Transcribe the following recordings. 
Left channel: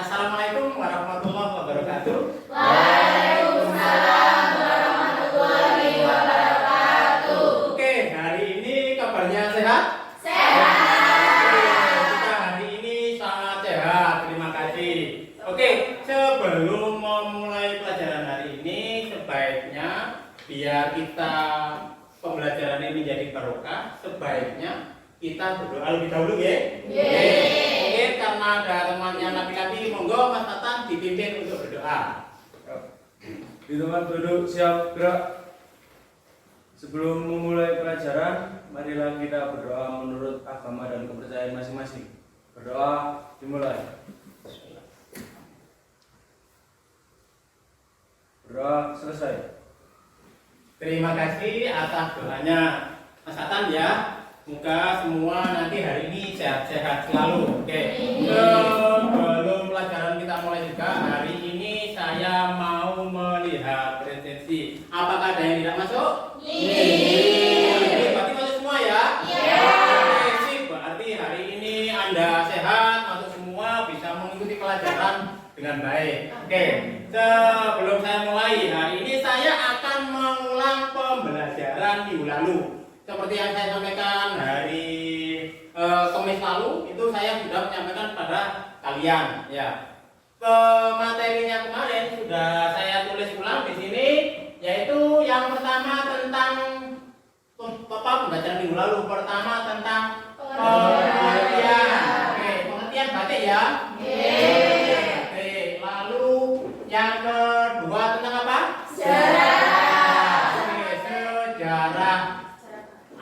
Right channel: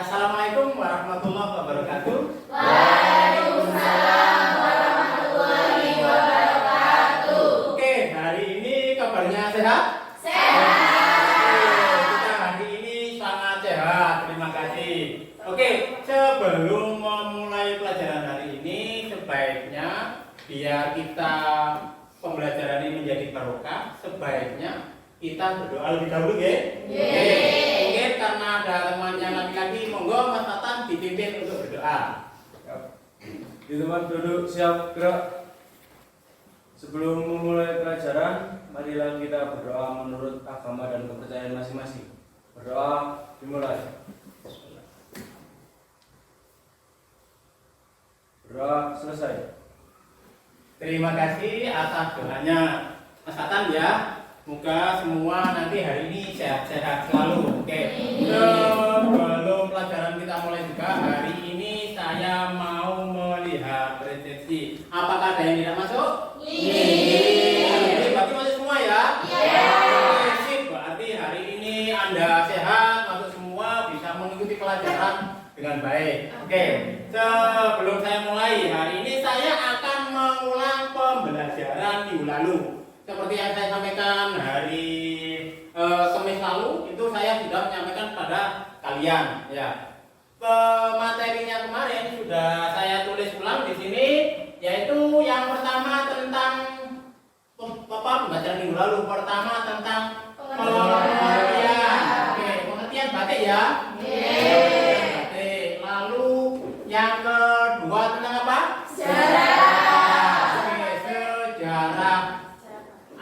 Assalamualaikum warahmatullahi wabarakatuh. Waalaikumsalam warahmatullahi wabarakatuh. Oke, hari ini kabarnya sehat? Sehat. Kita hari ini sangat sehat, terima kasih. Oke, sebelum memulai pelajaran hari ini, sebaiknya biar kita pembelajaran ini menjadi barokah, sebaiknya kita berdoa lebih dahulu ya. Mungkin karena ada temannya laki-laki, monggo Mas Tatan dipimpin untuk berdoa. Di tempat duduk siap gerak. Sebelum memulai pelajaran, marilah kita berdoa menurut agama dan kepercayaan masing-masing. Berdoa dimulai. Berdoa selesai. Terima kasih atas doanya Mas Tatan ya. Semoga semua nanti hari ini sehat-sehat selalu. Oke. Sebelum pelajaran kita mulai juga, hari ini saya mau melihat presensi. Apakah ada yang tidak masuk? Berarti masuk semua ya? Oke, sip. Berarti hari ini Anda sehat, masuk semua, bisa mengikuti pelajaran dengan baik. Oke. Sebelum saya mulai, hari ini saya akan mengulang pembelajaran minggu lalu. Seperti yang saya sampaikan hari Kamis lalu, itu saya sudah menyampaikan pada kalian ya. Materinya kemarin sudah saya tulis ulang di sini, yaitu yang pertama tentang pembelajaran minggu lalu. Pertama tentang pengertian. Oke, pengertian batik ya. Batik. Lalu yang kedua tentang apa? Sejarah. Oke, sejarah.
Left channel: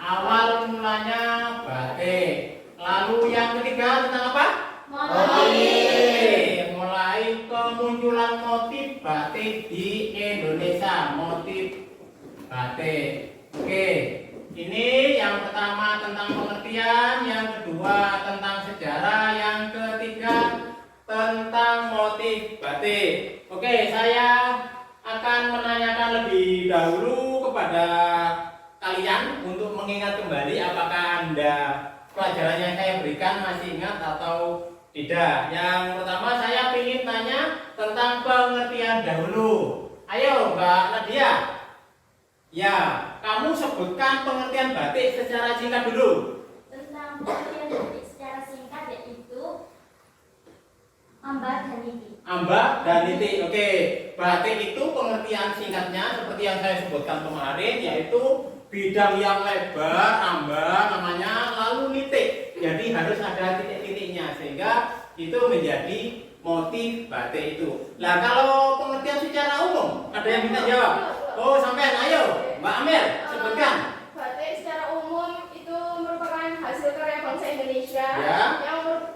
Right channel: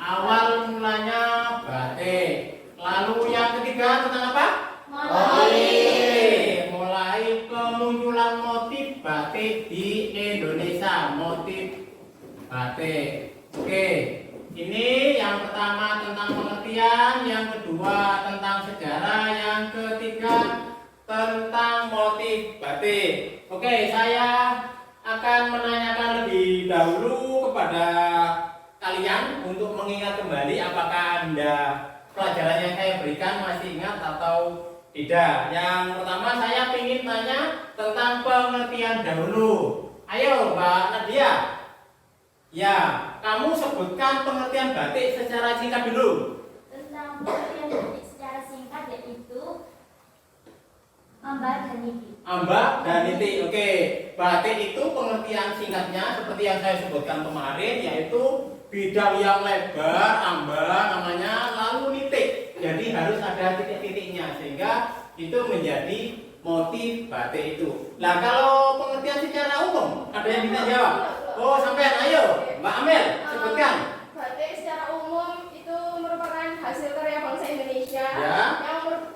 Awal mulanya batik. Lalu yang ketiga tentang apa? Motif. Mulai kemunculan motif batik di Indonesia. Motif batik. Oke. Ini yang pertama tentang pengertian, yang kedua tentang sejarah, yang ketiga tentang motif batik. Oke, saya akan menanyakan lebih dahulu kepada kalian untuk mengingat kembali apakah Anda pelajaran yang saya berikan masih ingat atau tidak. Yang pertama saya ingin tanya tentang pengertian dahulu. Ayo Mbak Nadia. Ya, kamu sebutkan pengertian batik secara singkat dulu. Tentang pengertian batik secara singkat yaitu ambak dan niti. Ambak dan niti. Oke, batik itu pengertian singkatnya seperti yang saya sebutkan kemarin, yaitu bidang yang lebar, ambak namanya, lalu nitik. Jadi harus ada titik-titiknya sehingga itu menjadi motif batik itu. Nah, kalau pengertian secara umum, ada yang bisa jawab? Oh, sampean, ayo, Mbak Amel, sebutkan. Batik secara umum itu merupakan hasil karya bangsa Indonesia Ya.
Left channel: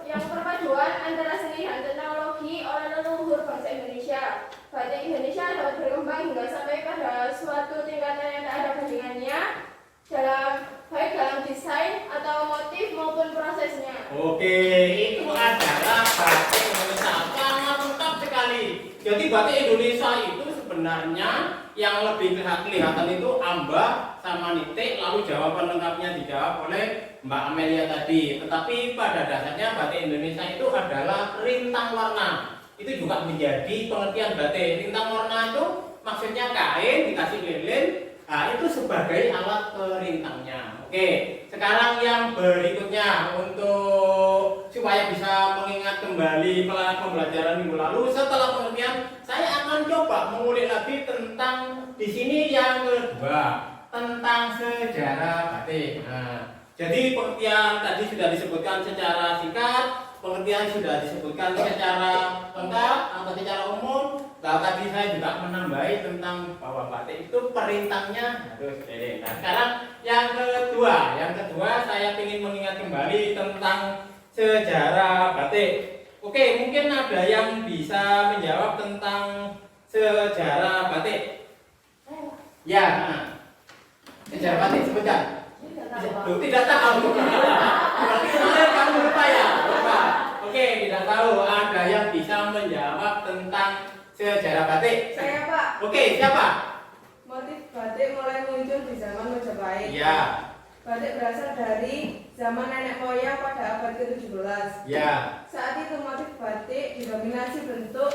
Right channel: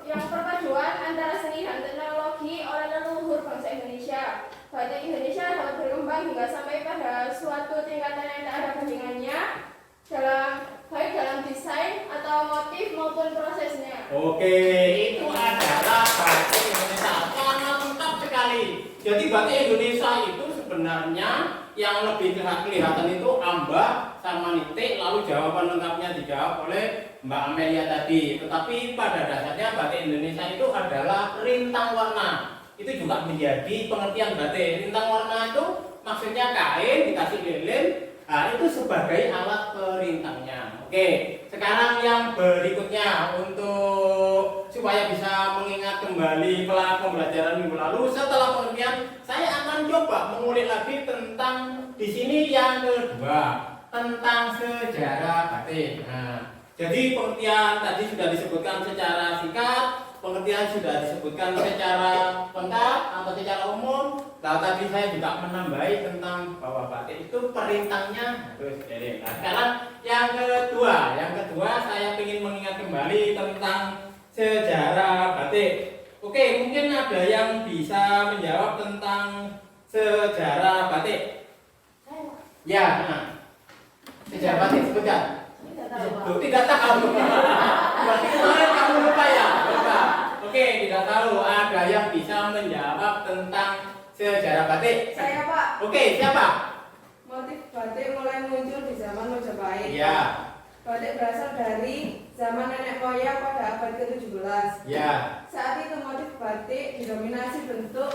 yang perpaduan antara seni dan teknologi oleh leluhur bangsa Indonesia. Batik Indonesia dapat berkembang hingga sampai pada suatu tingkatan yang tak ada bandingannya baik dalam desain atau motif maupun prosesnya. Oke, itu adalah batik Indonesia. Sangat lengkap sekali. Jadi batik Indonesia itu sebenarnya yang lebih kelihatan itu ambak sama nitik, lalu jawaban lengkapnya dijawab oleh Mbak Amelia tadi. Tetapi pada dasarnya batik Indonesia itu adalah rintang warna. Itu juga menjadi pengertian batik. Rintang warna itu maksudnya kain dikasih lilin, nah itu sebagai alat perintangnya. Oke, sekarang yang berikutnya untuk supaya bisa mengingat kembali pembelajaran minggu lalu setelah pengertian, saya akan coba mengulik lagi tentang di sini yang kedua tentang sejarah batik. Nah, jadi pengertian tadi sudah disebutkan secara singkat, pengertian sudah disebutkan secara lengkap atau secara umum. Nah, tadi saya juga menambahi tentang bahwa batik itu perintangnya harus. Nah, sekarang yang kedua saya ingin mengingat kembali tentang sejarah batik. Oke, mungkin ada yang bisa menjawab tentang sejarah batik. Ya, sejarah batik sebutkan. Tidak tahu. Berarti kemarin kamu lupa ya? Lupa. Oke, tidak tahu. Ada yang bisa menjawab tentang sejarah batik? Saya Pak. Oke, siapa? Motif batik mulai muncul di zaman Majapahit. Iya. Batik berasal dari zaman nenek moyang pada abad ke-17. Ya. Saat itu motif batik didominasi bentuk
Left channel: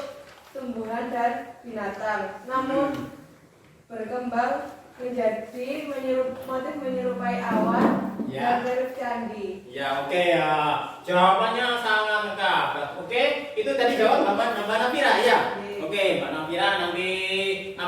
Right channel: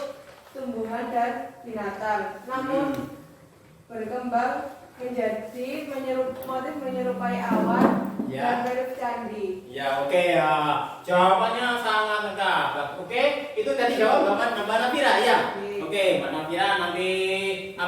tumbuhan dan binatang, namun berkembang menjadi motif menyerupai awan Ya. dan relief candi. Ya, oke ya. Jawabannya sangat lengkap. Oke, itu tadi jawab Mbak Nabila ya. Oke, Mbak Nabila nanti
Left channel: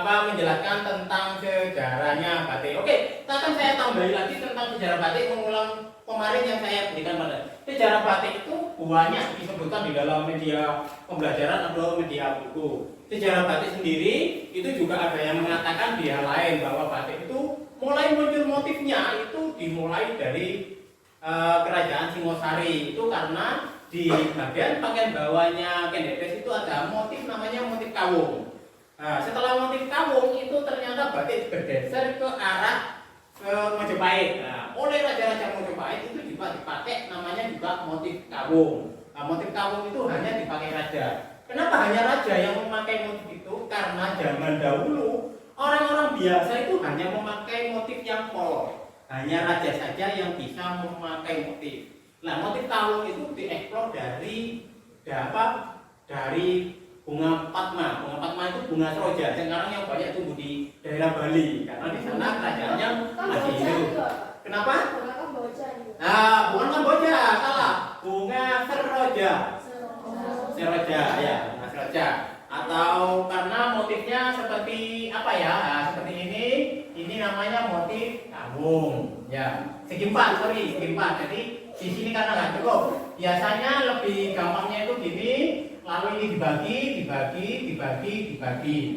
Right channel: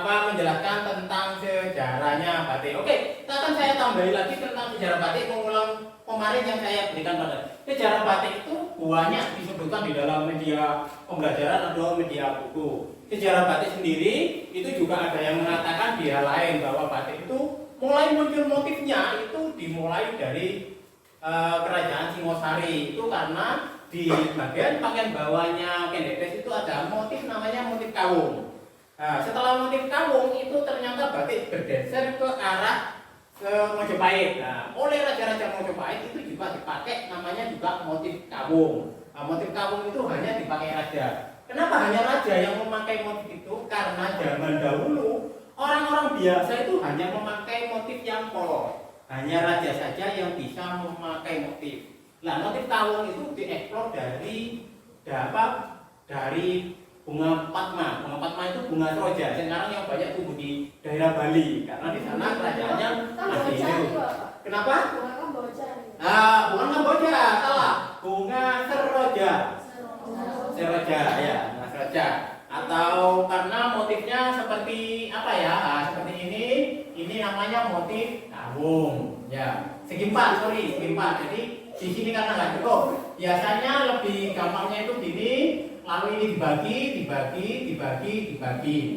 menjelaskan tentang sejarahnya batik. Oke, akan saya tambahin lagi tentang sejarah batik, mengulang kemarin yang saya berikan pada. Sejarah batik itu banyak disebutkan di dalam media pembelajaran atau media buku. Sejarah batik sendiri itu juga ada yang mengatakan di hal lain bahwa batik itu mulai muncul motifnya itu dimulai dari kerajaan Singosari. Itu karena di bagian pakaian bawahnya Kendekes itu ada motif namanya motif kawung. Nah, setelah motif kawung itu ternyata batik bergeser ke arah ke Majapahit. Nah, oleh raja-raja Majapahit itu juga dipakai namanya juga motif kawung. Nah, motif kawung itu hanya dipakai raja. Kenapa hanya raja yang memakai motif itu? Karena zaman dahulu orang-orang biasa itu hanya memakai motif yang polos. Hanya raja saja yang bisa memakai motif. Nah, motif kawung itu dieksplor dari bunga Padma. Bunga Padma itu bunga troja. Sekarang yang banyak tumbuh di daerah Bali karena di sana kerajaannya masih hidup. Kenapa? Bunga Kamboja. Bukan Kamboja, salah. Bunga seroja. Seroja ya, bunga seroja. Atau karena motifnya seperti apa ya? Nah, seperti ini. Ini namanya motif kawung. Ya, segi empat. Jadi di sini karena nggak cukup. Biasanya lebih gampangnya itu gini. Lalu ini dibagi.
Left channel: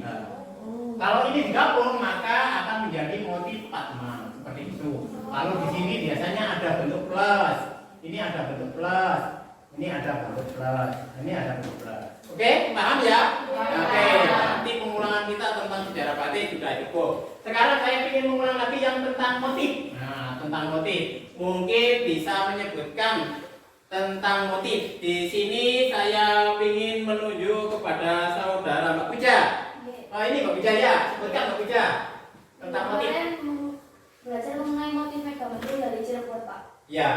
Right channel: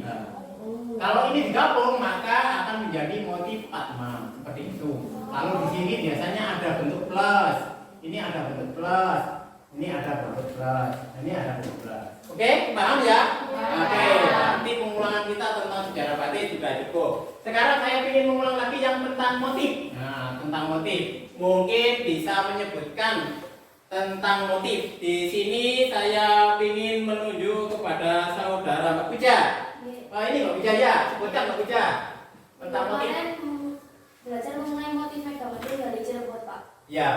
Nah, kalau ini digabung maka akan menjadi motif Padma seperti itu. Lalu di sini biasanya ada bentuk plus. Ini ada bentuk plus. Ini ada bentuk plus. Ini ada bentuk plus. Oke, paham ya? Oke, nanti pengulangan kita tentang sejarah batik sudah cukup. Sekarang saya ingin mengulang lagi yang tentang motif. Nah, tentang motif. Mungkin bisa menyebutkan tentang motif. Di sini saya ingin menuju kepada saudara Mbak Puja. Ini Mbak Puja ya, sebutkan Mbak Puja tentang motif. Kemarin belajar mengenai motif Megamendung dari Cirebon, Pak. Ya,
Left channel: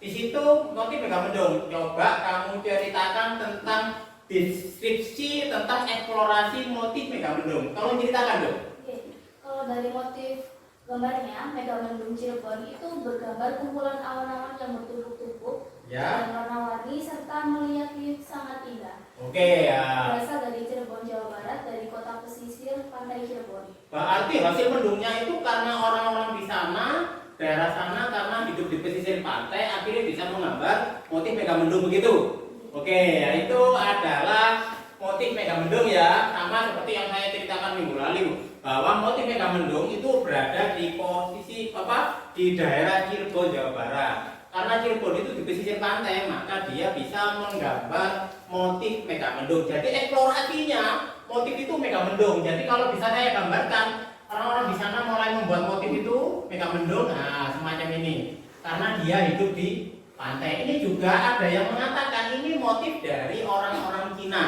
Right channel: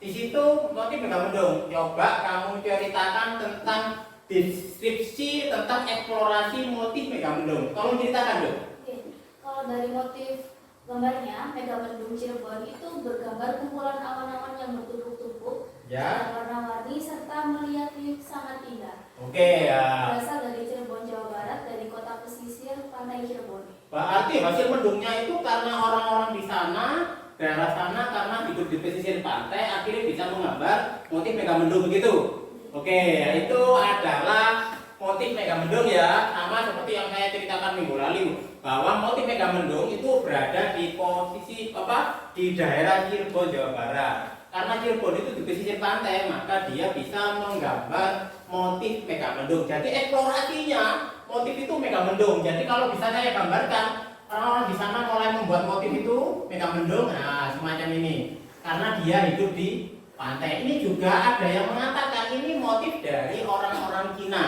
di situ motif Megamendung. Coba kamu ceritakan tentang deskripsi tentang eksplorasi motif Megamendung. Tolong ceritakan dong. Oke. Kalau dari motif gambarnya, Megamendung Cirebon itu bergambar kumpulan awan-awan yang bertumpuk-tumpuk Ya. dan warna-warni serta melihatnya sangat indah. Oke ya. Berasal dari Cirebon, Jawa Barat, dari kota pesisir pantai Cirebon. Berarti hasil mendungnya itu karena orang-orang di sana, daerah sana karena hidup di pesisir pantai akhirnya bisa menggambar motif Megamendung begitu. Oke, itu adalah motif Megamendung ya, sama seperti yang saya ceritakan minggu lalu bahwa motif Megamendung itu berada di posisi di daerah Cirebon, Jawa Barat. Karena Cirebon itu di pesisir pantai, maka dia bisa menggambar motif Megamendung. Jadi eksplorasinya motif itu Megamendung. Jadi kalau bisa saya gambarkan, orang-orang di sana mulai membuat motif itu Megamendung, nah semacam ini. Karena dia hidup di pantai. Ini juga ada yang mengatakan ini motif dari orang-orang Cina.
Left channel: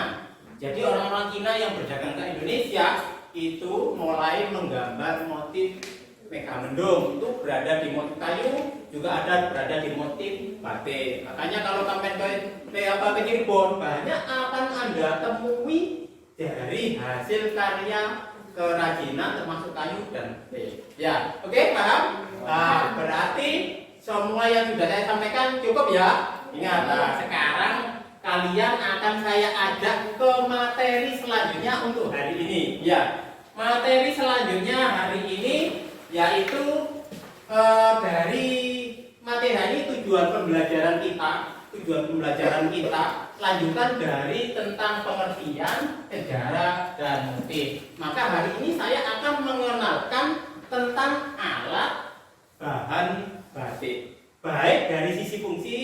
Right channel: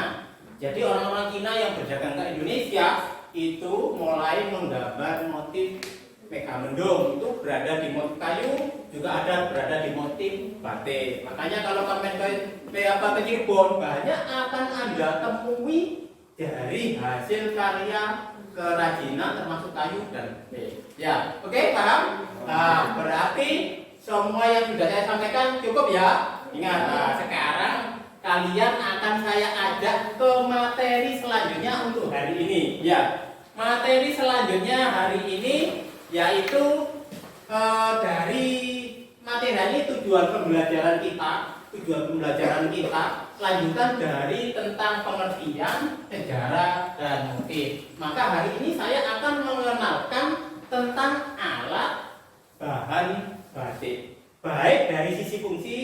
Jadi orang-orang Cina yang berdagang ke Indonesia itu mulai menggambar motif Megamendung. Itu berada di motif kayu, juga ada berada di motif batik. Makanya kalau kalian ke Cirebon, banyak akan Anda temui dari hasil karya kerajinan termasuk kayu dan batik. Ya, oke, paham? Nah, berarti semua yang sudah saya sampaikan cukup ya. Ingat, sekarang kalian akan saya ajak ke materi selanjutnya untuk hari ini. Ya, materi selanjutnya hari ini yaitu dari materi ini tujuan pembelajaran kita lanjutan dari tentang pengertian sejarah dan motif. Maka hari ini saya akan mengenalkan tentang alat bahan batik, baik dari sisi fungsi,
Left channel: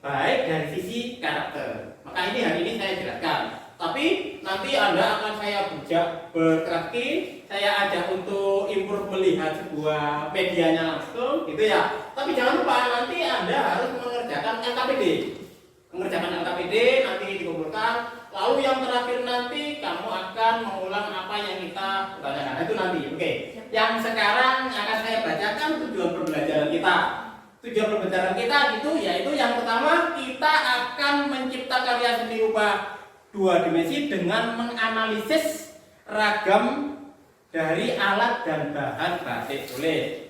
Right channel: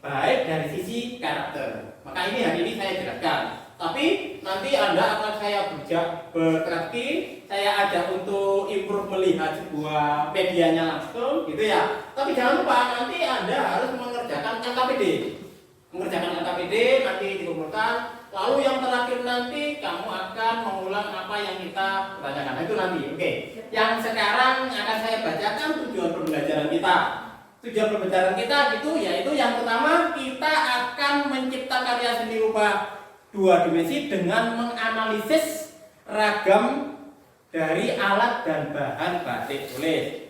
baik dari sisi karakter. Maka ini hari ini saya jelaskan. Tapi nanti Anda akan saya bertraktir, saya ajak untuk improve melihat sebuah medianya langsung, gitu ya. Tapi jangan lupa nanti Anda harus mengerjakan LKPD. Mengerjakan LKPD nanti dikumpulkan. Lalu yang terakhir nanti kamu akan mengulang apa yang kita tanyakan. Itu nanti, oke. Yang sekarang akan saya bacakan tujuan pembelajaran kita. tujuan pembelajaran kita gitu, yaitu yang pertama kita akan mencipta karya seni rupa 2 dimensi dengan menganalisis ragam dari alat dan bahan batik tulis.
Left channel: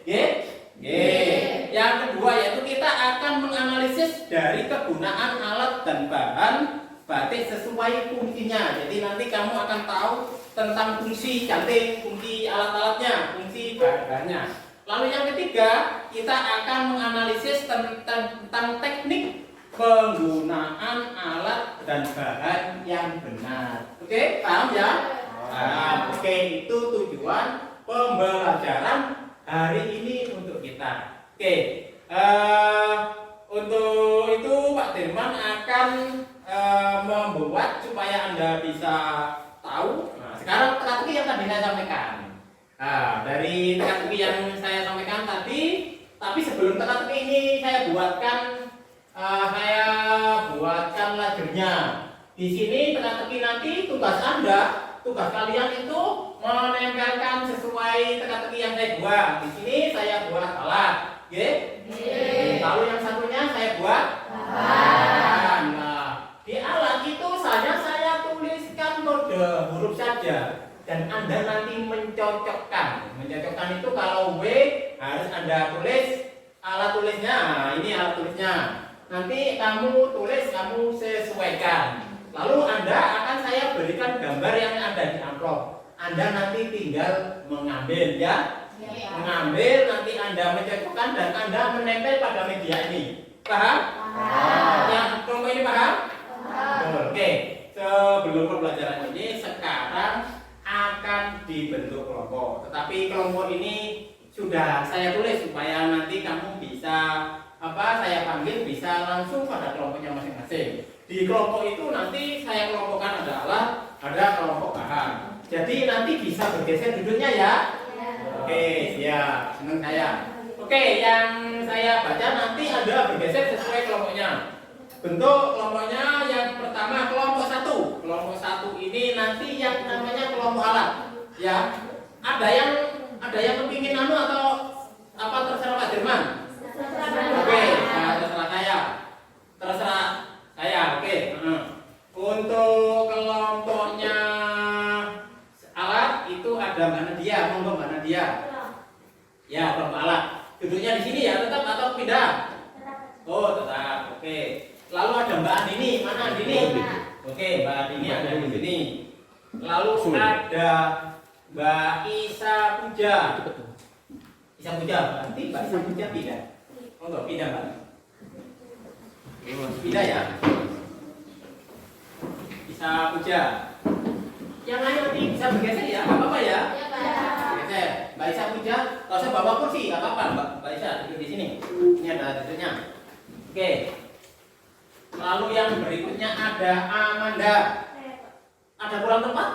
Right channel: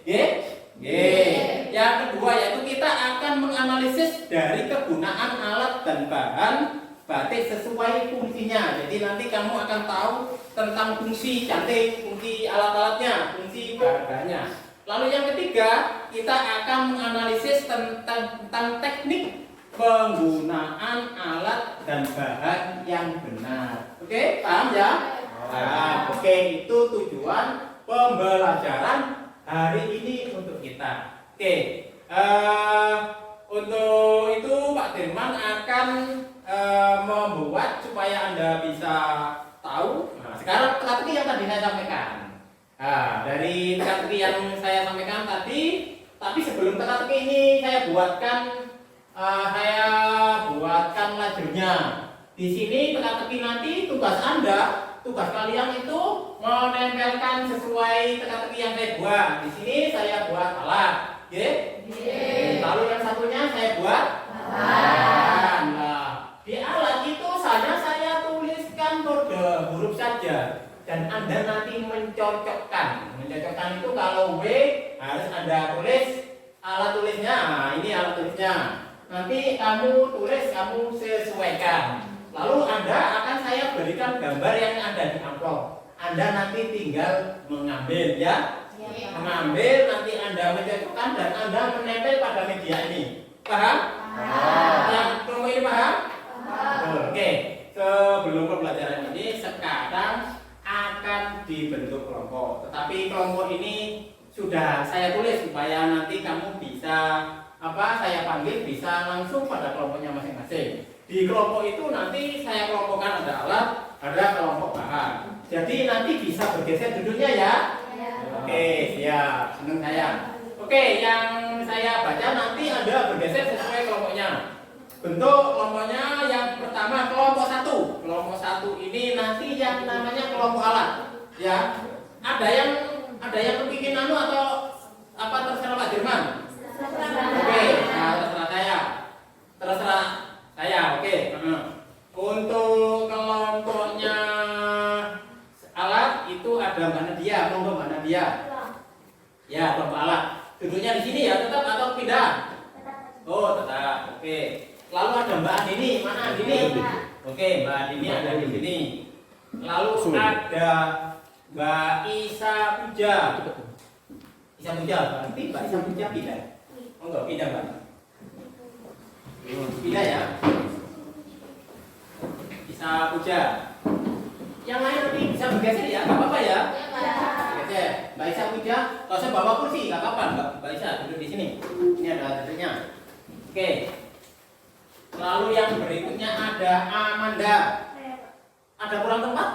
Yang kedua yaitu kita akan menganalisis dari kegunaan alat dan bahan batik sesuai fungsinya. Jadi nanti kamu akan tahu tentang fungsi cantik, fungsi alat-alatnya, fungsi bahan-bahannya. Lalu yang ketiga, kita akan menganalisis tentang teknik penggunaan alat dan bahan yang benar. Oke, paham ya? Paham. Oke, itu tujuan pembelajaran hari ini untuk kita. Oke, untuk itu Pak Dirman akan membuat supaya Anda bisa tahu. Nah, sekarang teka-teki yang tadi saya sampaikan. Nah, dari teka-teki yang saya sampaikan tadi, tapi sebelum teka-teki ini saya buatkan lajernya. Di sini teka-teki nanti tugas Anda, tugas kalian itu menempelkan sesuai teka-teki yang saya buat. Di sini saya buat alat, lalu yang satunya saya buat bahan. Nah, di alat itu saya tuliskan kode huruf saja. Dan Anda nanti mencocokkan. Mencocokkan itu kalau W harus Anda tulis alat tulisnya. Nah, ini alat tulisnya. Nanti kamu tulis, kamu sesuaikan. Lalu saya berikan gambar yang ada di amplop. Anda nanti tinggal mengambil ya. Mengambil, nanti Anda mencocokkan dan Anda menempel pada media ini. Paham? Yang kelompok ini paham? Oke. Sebelum pembelajaran ini sekarang akan dibentuk kelompok. Tetapi kelompok ini sudah saya tulis supaya nanti kamu bisa saya panggil bisa langsung pada kelompoknya masing-masing. Di kelompok itu nanti saya kelompokkan ada alat, ada kelompok bahan. Jadi nanti bisa bergeser duduknya ya. Oke, siap. Senang saya. Oke, yang saya baca nanti ada bergeser sesuai kelompoknya. Bentuk kelompoknya yang pertama kelompok 1. Kelompok 1 ini nanti yang namanya kelompok alat. Ya. Ada yang kepingin atau terserah Pak Dirman? Oke, nah, terserah saya. Oke. Untuk kelompoknya alat itu ada Mbak Nadia, kelompok Mbak Nadia. Ya, kelompok alat. Duduknya di sini ya, tetap atau pindah? Oh, tetap. Oke. Lalu ada Mbak Andini, mana Andini? Oke, Mbak Andini ada di sini. Lalu ada Mbak Isa Puja. Isa Puja, berarti Mbak Isa Puja pindah. Oh enggak, pindah Mbak. Pindah ya. Isa Puja. Yang lain nanti bisa bergeser ya, nggak apa-apa ya. Bergeser. Mbak Isa Puja, kalau saya bawa kursi, nggak apa-apa Mbak Isa duduk di sini. Ini ada duduknya. Oke. Lalu yang berikutnya ada Amanda. Ada kurang tempat?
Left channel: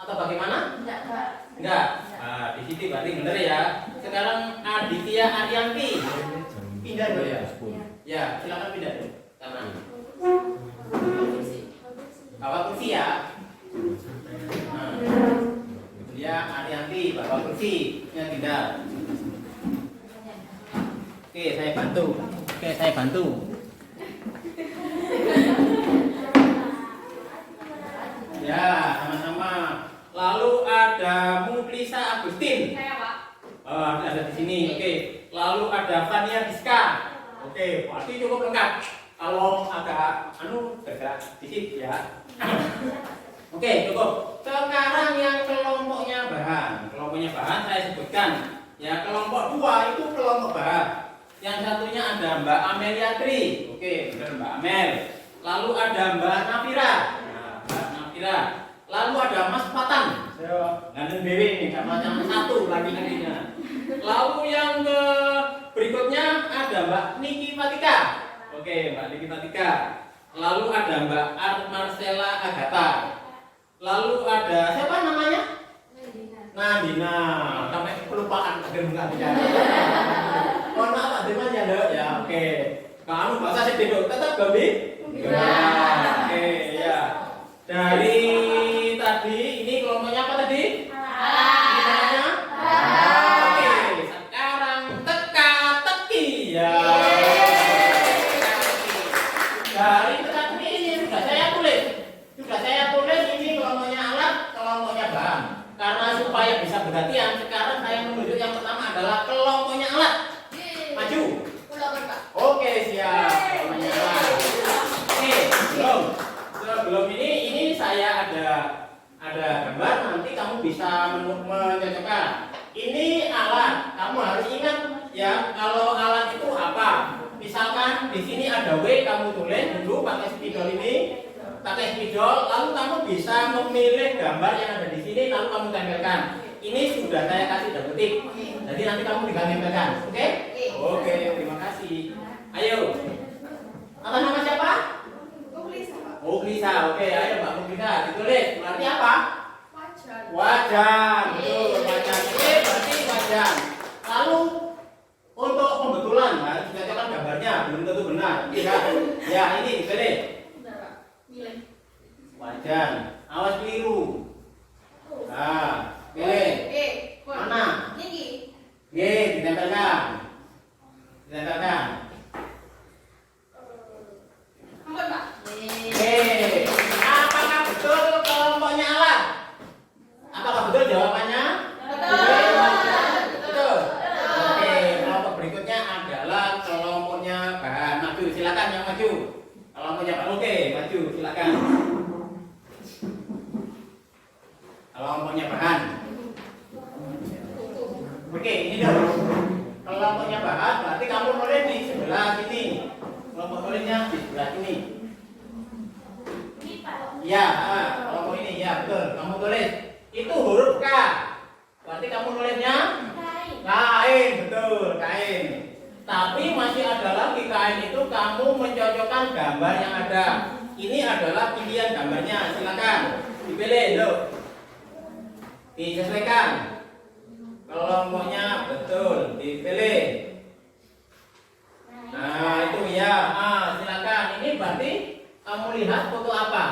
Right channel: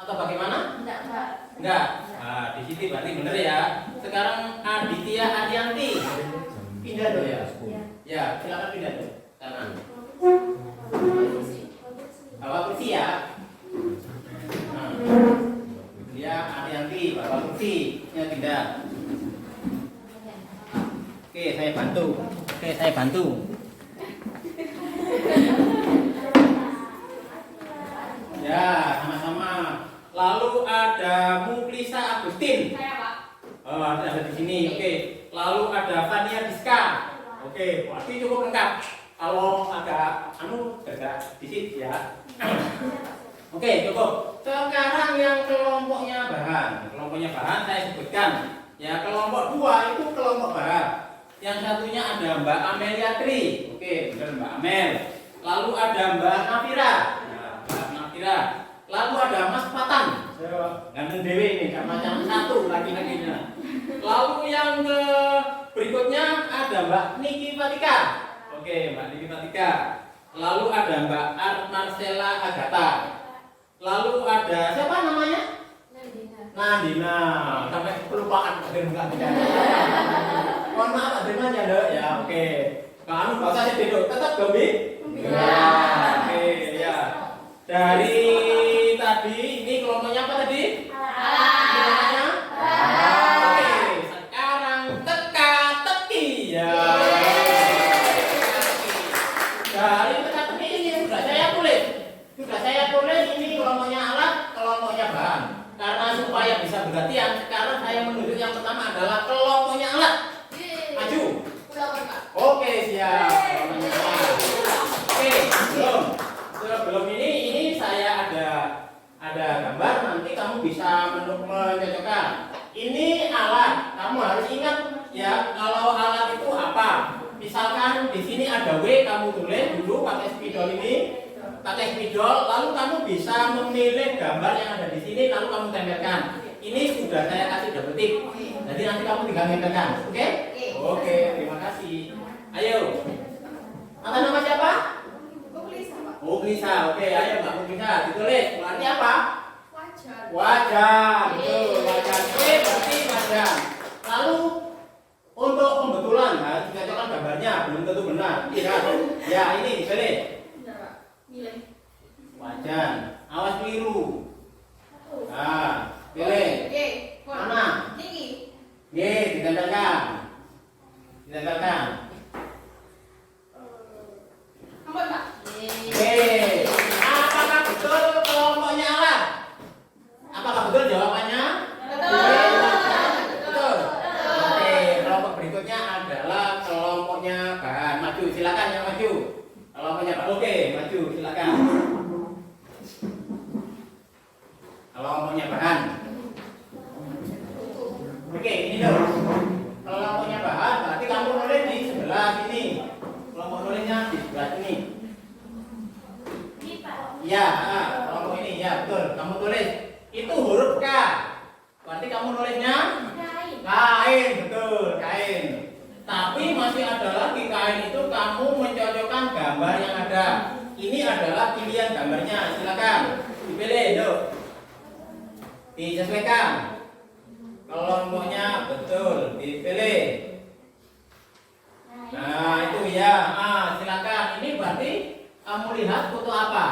Atau bagaimana? Enggak. Nah, di sini berarti benar ya. Sekarang Aditya Arianti. Pindah dulu ya. Ya, silakan pindah dulu. Karena bawa kursi ya. Nah, dia Arianti bawa kursi, yang pindah. Oke, saya bantu. Ya, sama-sama. Lalu ada Muklisa Agustin. Ada di sini. Oke. Lalu ada Fania Diska. Oke, berarti cukup lengkap. Kalau agak bergerak dikit ya. Oke, cukup. Sekarang yang kelompoknya bahan. Kelompoknya bahan saya sebutkan. Ya, kelompok 2 itu kelompok bahan. Yang satunya ada Mbak Amelia Tri. Oke, benar Mbak Amel. Lalu ada Mbak Nafira. Lalu ada Mas Patan. Ganteng dewi ini, karena yang satu lagi nantinya. Lalu yang berikutnya ada Mbak Niki Fatika. Oke, Mbak Niki Fatika. Lalu ada Mbak Marcella Agatha. Lalu ada siapa namanya? Nandina. Sampai kelupaan agar enggak tidak. Mohon maaf Nandina ya. Oke. Pak bahasa saya tetap Gambi. Ya. Oke, ya. Dari tadi ini kelompoknya apa tadi? Kelompoknya? Oke, sekarang teka-teki ya. supaya bisa bergantian, sekarang saya menunjuk yang pertama adalah kelompoknya alat. Maju. Oke, siap. Kelompoknya alat. Oke, belum ini saya ada gambar, nanti kamu bisa menyocokkan. Ini alat, kamu harus ingat ya kalau alat itu apa. Misalkan di sini ada W, kamu tulis dulu pakai spidol ini, pakai spidol, lalu kamu bisa memilih gambar yang ada di sini, lalu kamu tempelkan. Ini sudah saya kasih double tick, jadi nanti kamu tinggal tempelkan, oke? Oke, terima kasih. Ayo, atas nama siapa? Muglisa, oke, ayo Mbak Muglisa, ditulis. Berarti apa? Wajan, betul, wajan. Oke, berarti wajan. Lalu untuk pembetulan, ya, dicocokkan gambarnya, belum tentu benar. Iya, ya ini dipilih. Wajan, awas keliru. Nah, pilih. Mana? G, ditempelkan. Ditempelkan. Oke, apakah betul kelompoknya alat? Apakah betul jawabannya? Betul. Oke, kelompok berikutnya adalah kelompoknya bahan. Maju, silakan yang maju. Kelompoknya bahan. Oke, maju, silakan. Kelompoknya bahan. Oke, ini dong. Kelompoknya bahan, berarti kamu nulis di sebelah sini. Kelompok nulisnya di sebelah sini. Ya, kelompok ini ya betul. Kamu tulis itu huruf K. Berarti kamu nulisnya kain, betul, kain. Tapi masih ada lagi kain itu kamu mencocokkan gambar yang ada. Ini adalah pilihan gambarnya. Silakan dipilih, dok. Disesuaikan. Kelompoknya betul, dipilih. Nah, itu ya. Silakan. Ini berarti kamu lihat foto apa?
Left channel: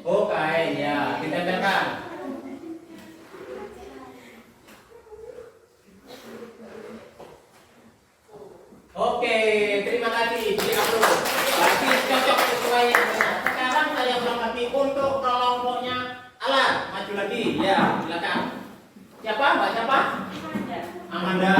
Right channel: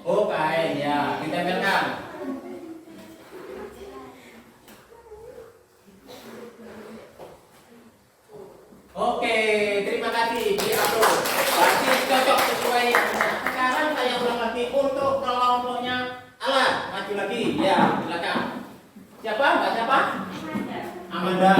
Oh, kain ya, ditempelkan. Oke, terima kasih. Di-upload. Berarti cocok sesuai. Sekarang saya ulang lagi untuk kelompoknya alat. Maju lagi, ya, silakan. Siapa? Mbak siapa? Amanda.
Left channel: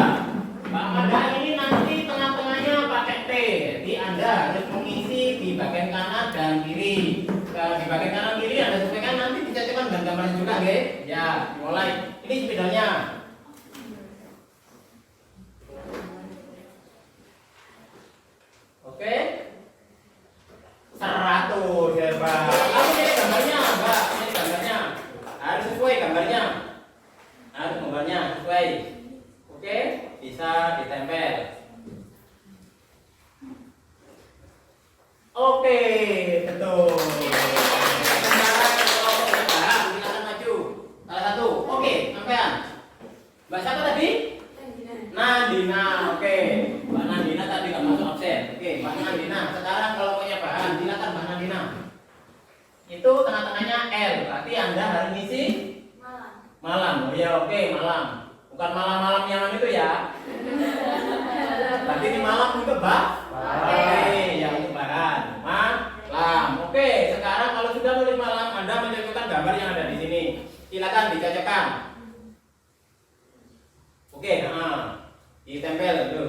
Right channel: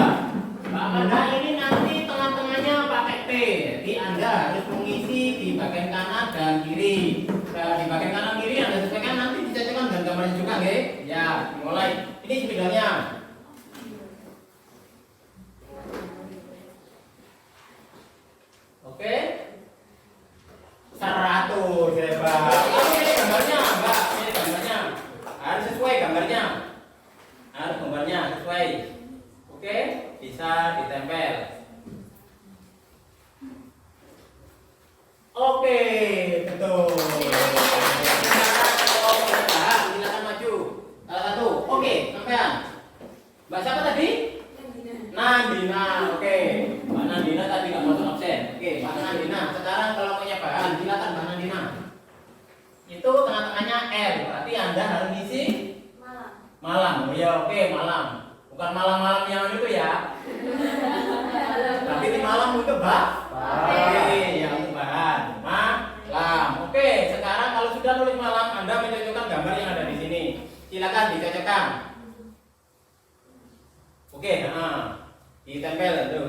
Mbak Amanda ini nanti tengah-tengahnya pakai T. Jadi Anda harus mengisi di bagian kanan dan kiri. Di bagian kanan kiri Anda sesuaikan, nanti dicocokkan dengan gambarnya juga, nggih? Ya, mulai. Ini spidolnya. Oke. 100 hebat. Lalu ini gambarnya, Mbak. Ini gambarnya. Harus sesuai gambarnya. Harus gambarnya sesuai. Oke, bisa ditempel. Oke, betul. Silakan maju. Salah satu. Oke, sampean. Mbak siapa tadi? Nandina. Oke, Mbak Nandina tadi nggak masuk absen. Oke, Mbak Nandina. Sekarang kalau punya bahan, silakan Mbak Nandina. Itu tengah-tengahnya L. Berarti Anda harus ngisi malam. Oh ya, oke, malam. Bukan malam-malam yang itu ya. Berarti di malam itu oke, ya untuk bahan. Malam. Oke, sekarang kalau sudah tulis malam, Anda mencocokkan gambar yang ada di sini. Silakan dicocokkan. Oke, ditempel dulu.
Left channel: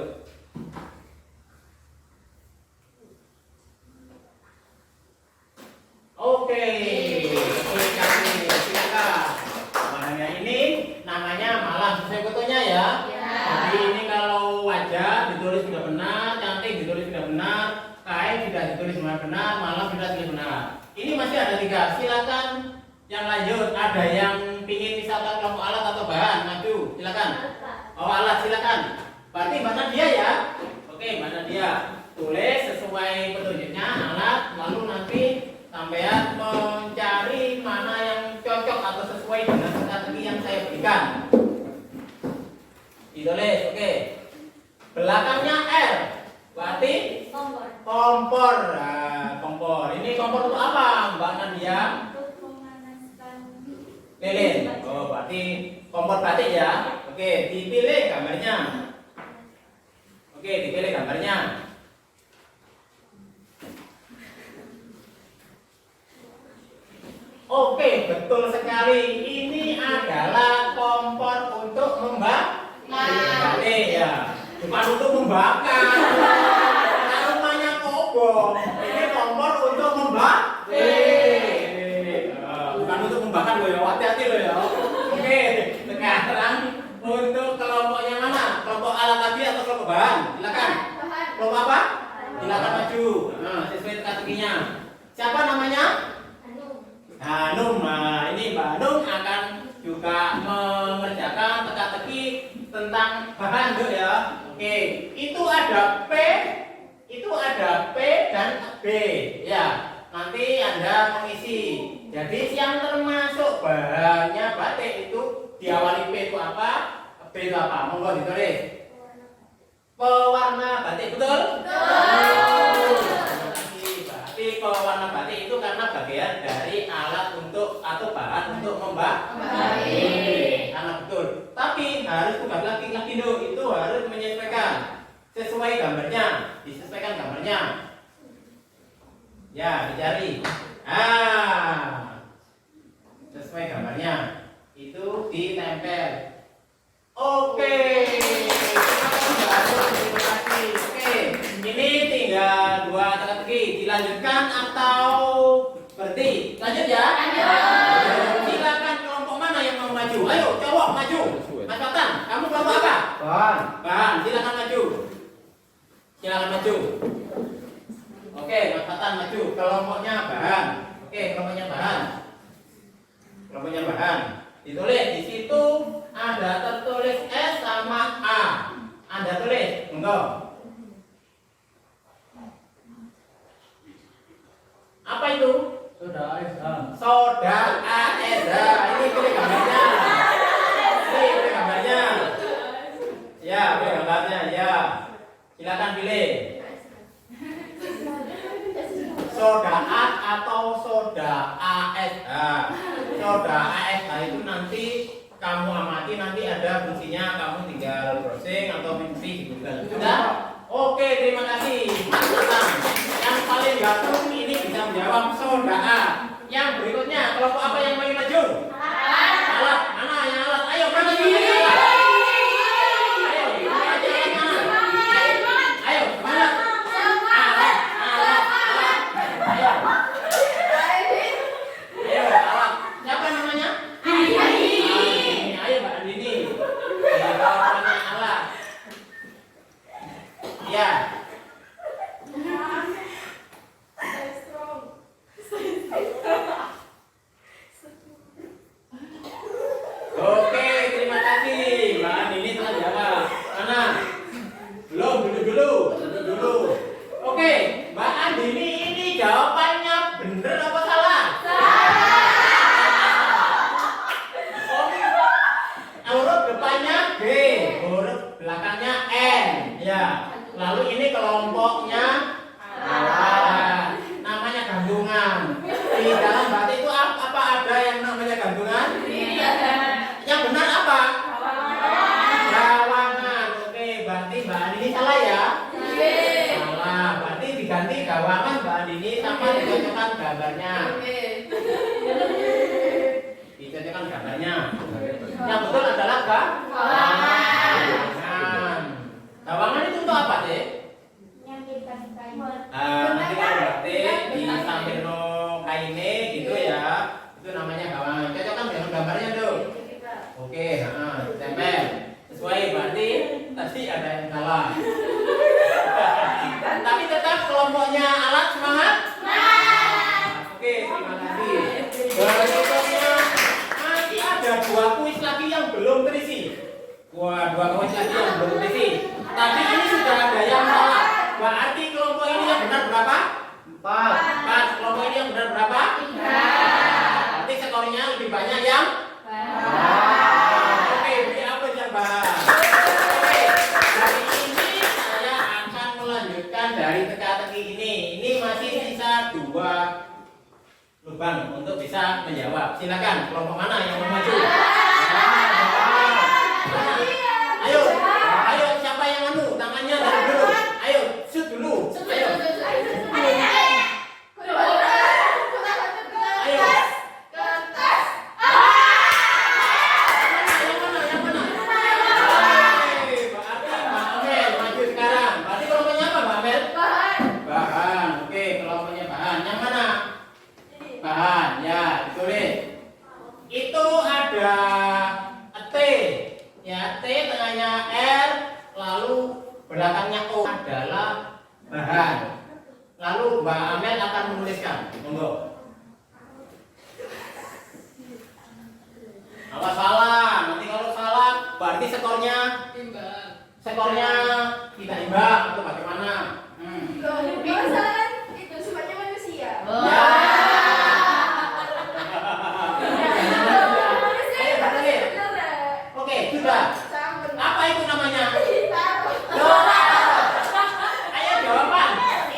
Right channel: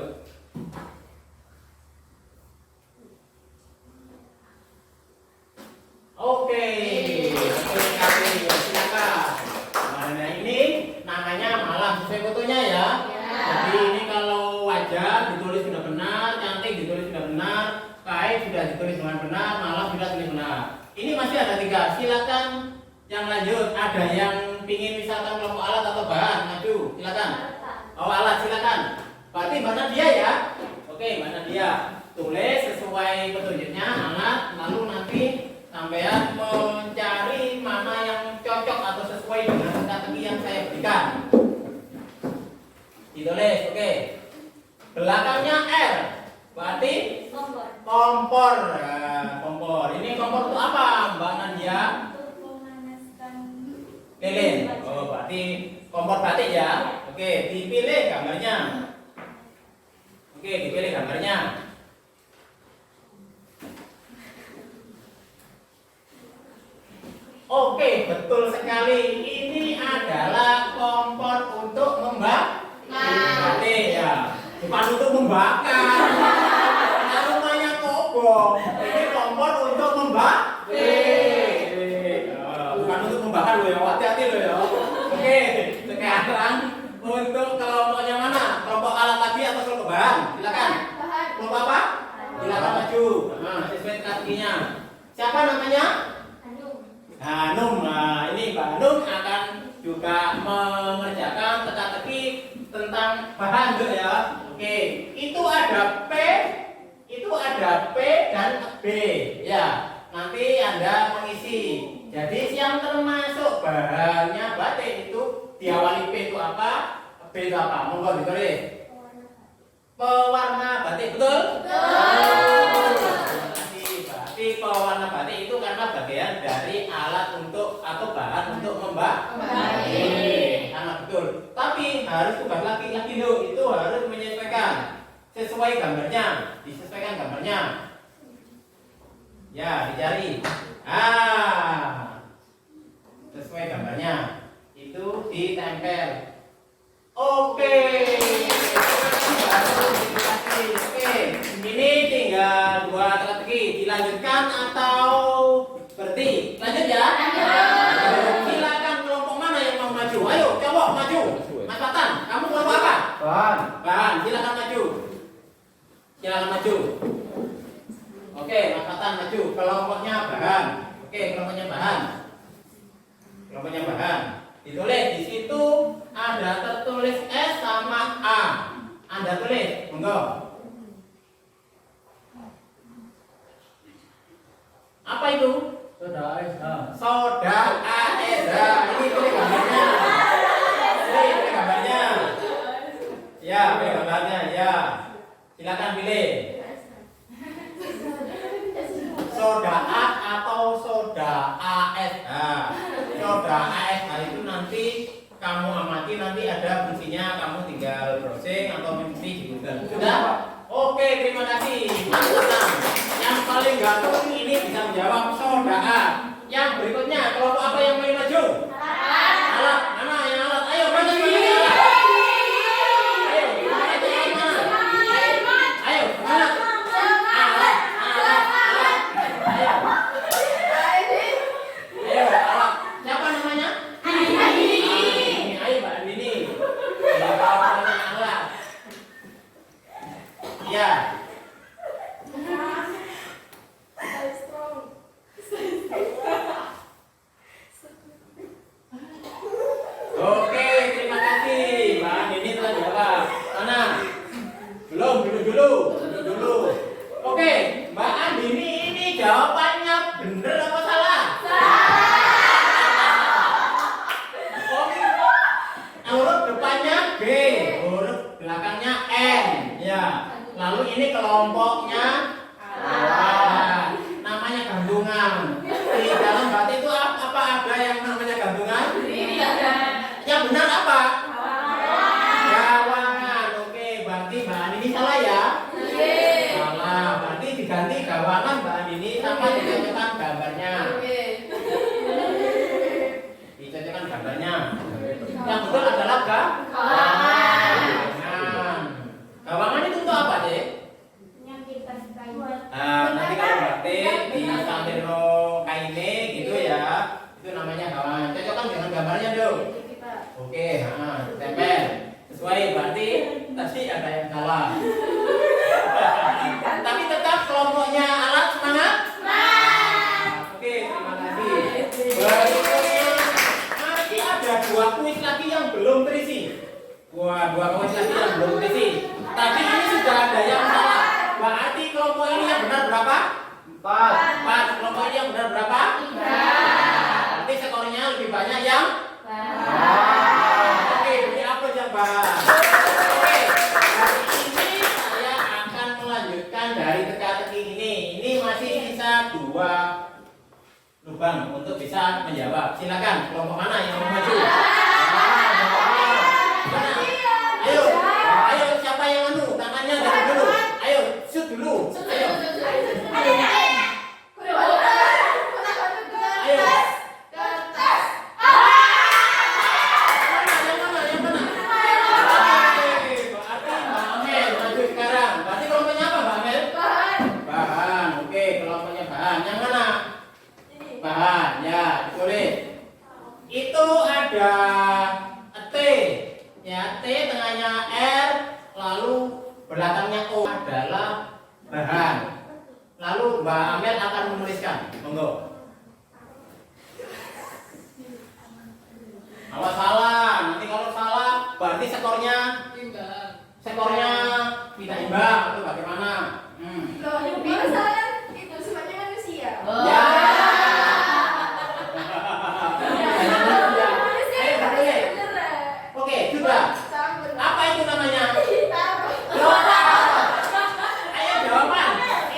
Oke, betul sekali. Silakan. Bahannya ini namanya malam. Sesuai fotonya ya. Jadi ini kalau wajah ditulis sudah benar, cantik ditulis sudah benar, kain sudah ditulis dengan benar, malam sudah ditulis benar. Ini masih ada 3. Silakan yang lanjut. Ada yang pingin misalkan kelompok alat atau bahan, maju. Silakan. Oh, alat silakan. Berarti mana dia ya? Oke, mana dia? Tulis sesuai petunjuknya alat, lalu nanti sampean mencari mana yang cocok atau sesuai dengan strategi yang saya berikan. Ditulis, oke. Belakangnya R, berarti kompor. Nah, kompor. Ini kompor untuk apa, Mbak Nadia? Lilin. Oh, berarti kompor batik ya. Oke, dipilih gambarnya. Oke, dipilih gambarnya. Oke, betul sekali. Ini adalah kompor untuk membakar. Ya, bukan untuk membakar. Karena rumahnya kobong. Ini kompor untuk membakar. Bukan untuk membakar loh ya. Hati-hati loh ya. Oke, sekarang untuk kelompoknya mana? Kelompok alat tadi atau kelompok bahan? Silakan. Kelompok apa? Silakan maju. Nah, sesuai teka-tekinya. Siapa namanya? Hanum. Nah, ini Mbak Hanum akan juga mengerjakan teka-teki tentang bahan tuh ya. Oke, itu ada P, dan B. Ya, nanti Anda mengisi. Jadi yang termasuk bahannya batik itu diawali P itu apa? B itu apa? Monggo ditulis. Pewarna batik, betul? Berarti pewarna batik itu karena bagian dari alat untuk atau bahan untuk membatik. Karena betul. Tapi harus tugas laki-laki itu harus menyesuaikan sesuai gambarnya, disesuaikan gambarnya. Ya, dicari. Sesuai gambarnya. Itu ditempel. Oke. Terima kasih. Oke, ini tinggal 2 teka-teki. Dilanjutkan atau berhenti? Lanjut ya. Silakan kelompok mana yang mau maju? Ayo, cowok maju. Mas Fatan, kamu kelompok apa? Bahan. Silakan maju. Oke, Mas Fatan maju. Kelompoknya bahan. Kelompoknya bahan. Ditulis di situ ada tertulis S sama A. Anda tulis, monggo. Apa itu? Soda ASH. Ini pilih gambarnya. Ya, pilih gambarnya. Ya, silakan pilih. Soda A atau soda ASH. Soda ASH itu nanti kamu amati, nanti ada fungsinya, kamu tinggal browsing atau mencari di Google. Sudah? Oke, terima kasih. Mantap. Yang paling ganteng ini bisa menjawab soda A. Yang berikutnya, kelompok apa yang paling maju? Alat. Mana yang alat? Ayo, maju. Ayo, mana? Alat. Ayo, alat. Siapa namanya? Ayo, Mbak Andini. Alat. Ya. Oke, terima kasih. Mbak Andini telah jawab. Mana? Belum, duduk dulu. Oke, Mbak Andini ini jawabannya bener apa salah? Huruf depannya B, huruf belakangnya N. Ya. Lalu ini kelompoknya namanya gandungan. Di dalam batik itu apa ada yang namanya gandungan? Yang benar apa? Gawangan. Oke, berarti Mbak Andini salah ya? Salah. Berarti diganti gawangan Mbak Andini sama dicocokkan gambarnya. Yang betul adalah gawangan. Gawangan itu untuk apa, Dek? Nanti kalau batik di sampiro kaine gitu ya, itu namanya gawangan. Cocokkan dengan gambarnya dong. Oke, tempel. Sesuai, berarti tadi ada yang salah. Tapi tetap kelompoknya alat semangat. Oke, terima kasih. Berikutnya masih ada 2 kuis lagi yang belum terisi. 2 kuis lagi yang belum terisi. Tapi ini sudah ada yang salah. Berarti kelompok ini yang benar berapa? 4. Kelompok ini yang benar berapa? 3. Berarti skornya lebih banyak yang Oke, beri apa jawaban? Oke, hari ini saya akan melanjutkan dari teka-teki ini. Ini masih sisa 2 lubang untuk bisa menjawab. Silakan, kelompok mana yang mau maju? Ayo, siapa yang anu? Tangannya dari dulu. Ayo, shoot dulu. Ayo. Ya, ditulis. Itu ada T. Ya, T tengahnya R, lalu belakangnya O adalah bahan. Lalu Mbak Amel akan menuliskan. Monggo. Kalau salah, nanti kalau salah berarti skornya tidak imbang atau bagaimana? Kalau salah kan itu sifatnya manusia. Ya. Ayo, Mbak. Oke, sudah. Apa itu namanya? Loh, ayo jawaban.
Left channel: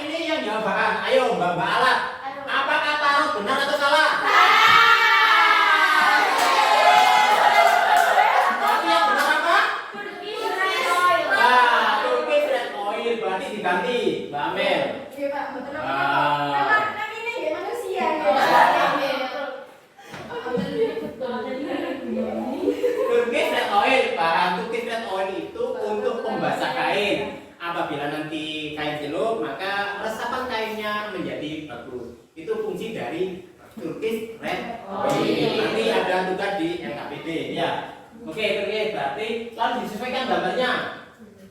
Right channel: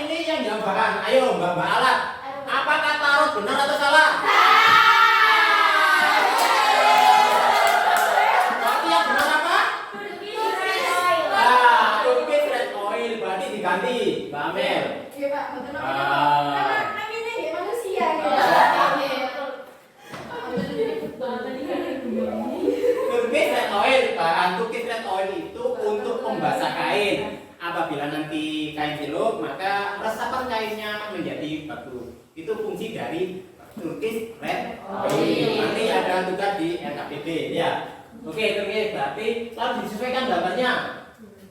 Ini yang jawaban. Ayo Mbak Alat. Apakah tarot benar atau salah? Berarti yang benar apa? Turkish red oil berarti diganti, Mbak Amel. Iya Pak, betul. Karena namanya dia manusia. Turkish red oil, bahan Turkish red oil itu untuk pembasah kain. Apabila nanti kain celup, maka resapan kainnya menjadi bagus. Itu fungsi dari Turkish red oil. Nanti ada tugas di LKPD, ya. Oke, berarti lalu disesuaikan gambarnya,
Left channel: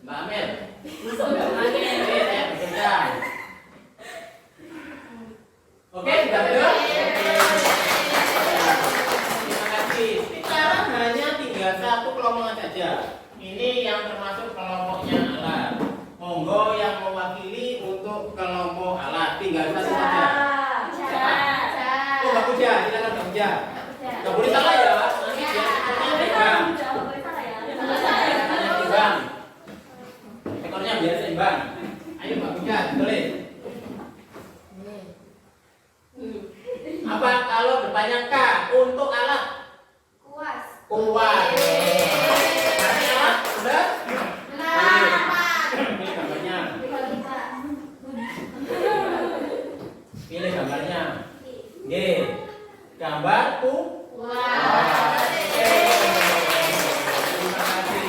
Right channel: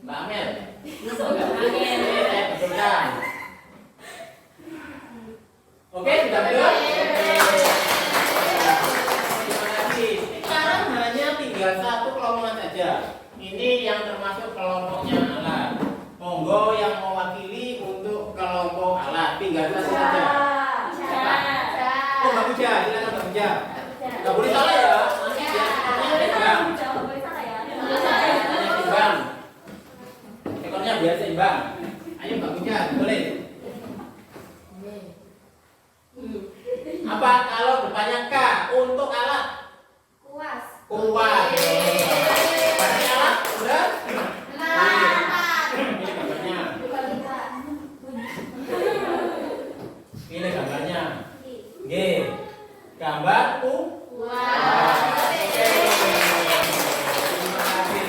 Mbak Amel. Saya betulkan. Oke, sudah betul? Terima kasih. Sekarang hanya tinggal satu kelompok saja. Ini yang termasuk kelompoknya alat. Monggo yang mewakili untuk kelompok alat. Tinggal satu saja. Oh, Mbak Puja, silakan Mbak Puja. Nggak boleh salah ya. Seimbang. Ekornya biar seimbang. Ayo Mbak Puja, tulis. Apa kalau depannya K untuk alat? Kuas. Kuat. Berarti alat sudah? Pilih gambarnya. Pilih gambarnya. G. Gambar kuat. Terima kasih.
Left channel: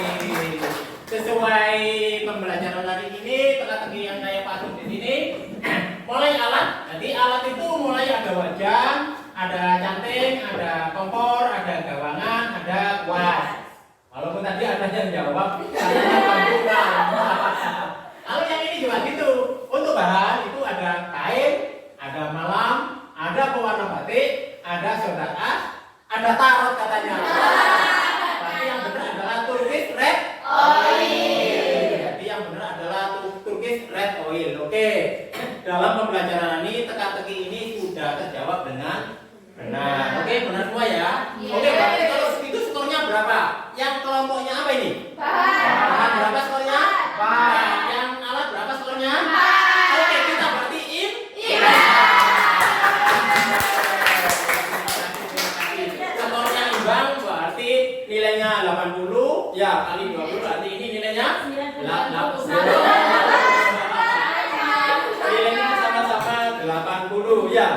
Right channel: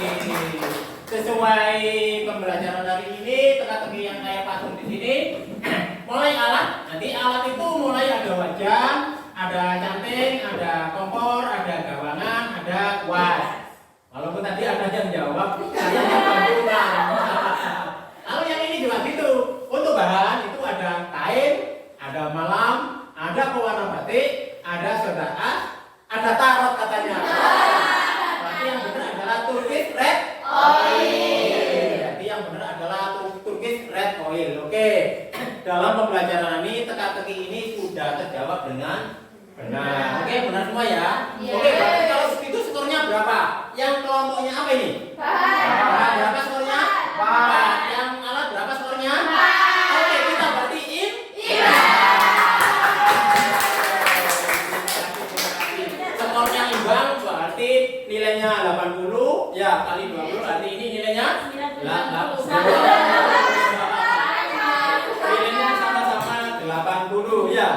Sesuai pembelajaran hari ini, teka-teki yang saya pasung di sini. Mulai alat, nanti alat itu mulai ada wajah, ada canting, ada kompor, ada gawangan, ada kuas. Walaupun tadi ada yang jawab, saya yang jawab. Lalu yang ini juga gitu. Untuk bahan itu ada kain, ada malam, ada pewarna batik, ada soda as, ada tarot katanya. Tapi yang benar adalah Turkish red oil. Jadi yang benar adalah Turkish red oil. Oke. Dalam pembelajaran ini teka-teki ini sudah terjawab dengan benar. Oke, benar semua ya. Oke, berarti kalau itu skornya berapa? Yang kelompoknya apa ini? Bahan. Berapa skornya? Bahan. Yang alat berapa skornya? Oke, kita berartiin. Skornya imbang berarti nilainya 80 ya kali 20 berarti ini nilainya 80. Nilainya sama-sama 80 ya.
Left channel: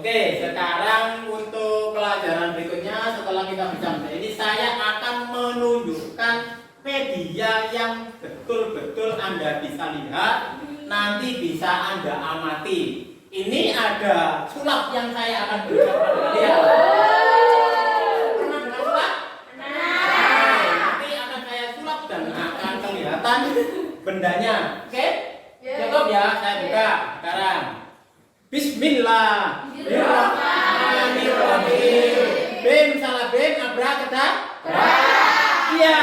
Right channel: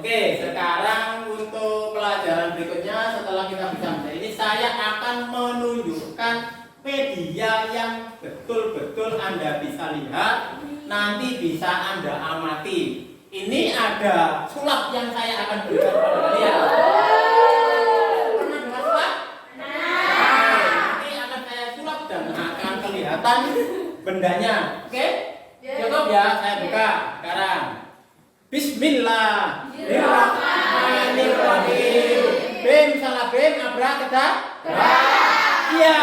Oke, sekarang untuk pelajaran berikutnya setelah kita bicara ini saya akan menunjukkan media yang betul-betul Anda bisa lihat, nanti bisa Anda amati. Ini ada sulap yang saya akan berikan kepada kalian. Pernah dengar sulap? Nanti akan saya sulap dan akan kelihatan bendanya. Oke? Cukup ya, saya buka sekarang. Bismillahirrahmanirrahim. Bim salah bim abrakadabra. Iya.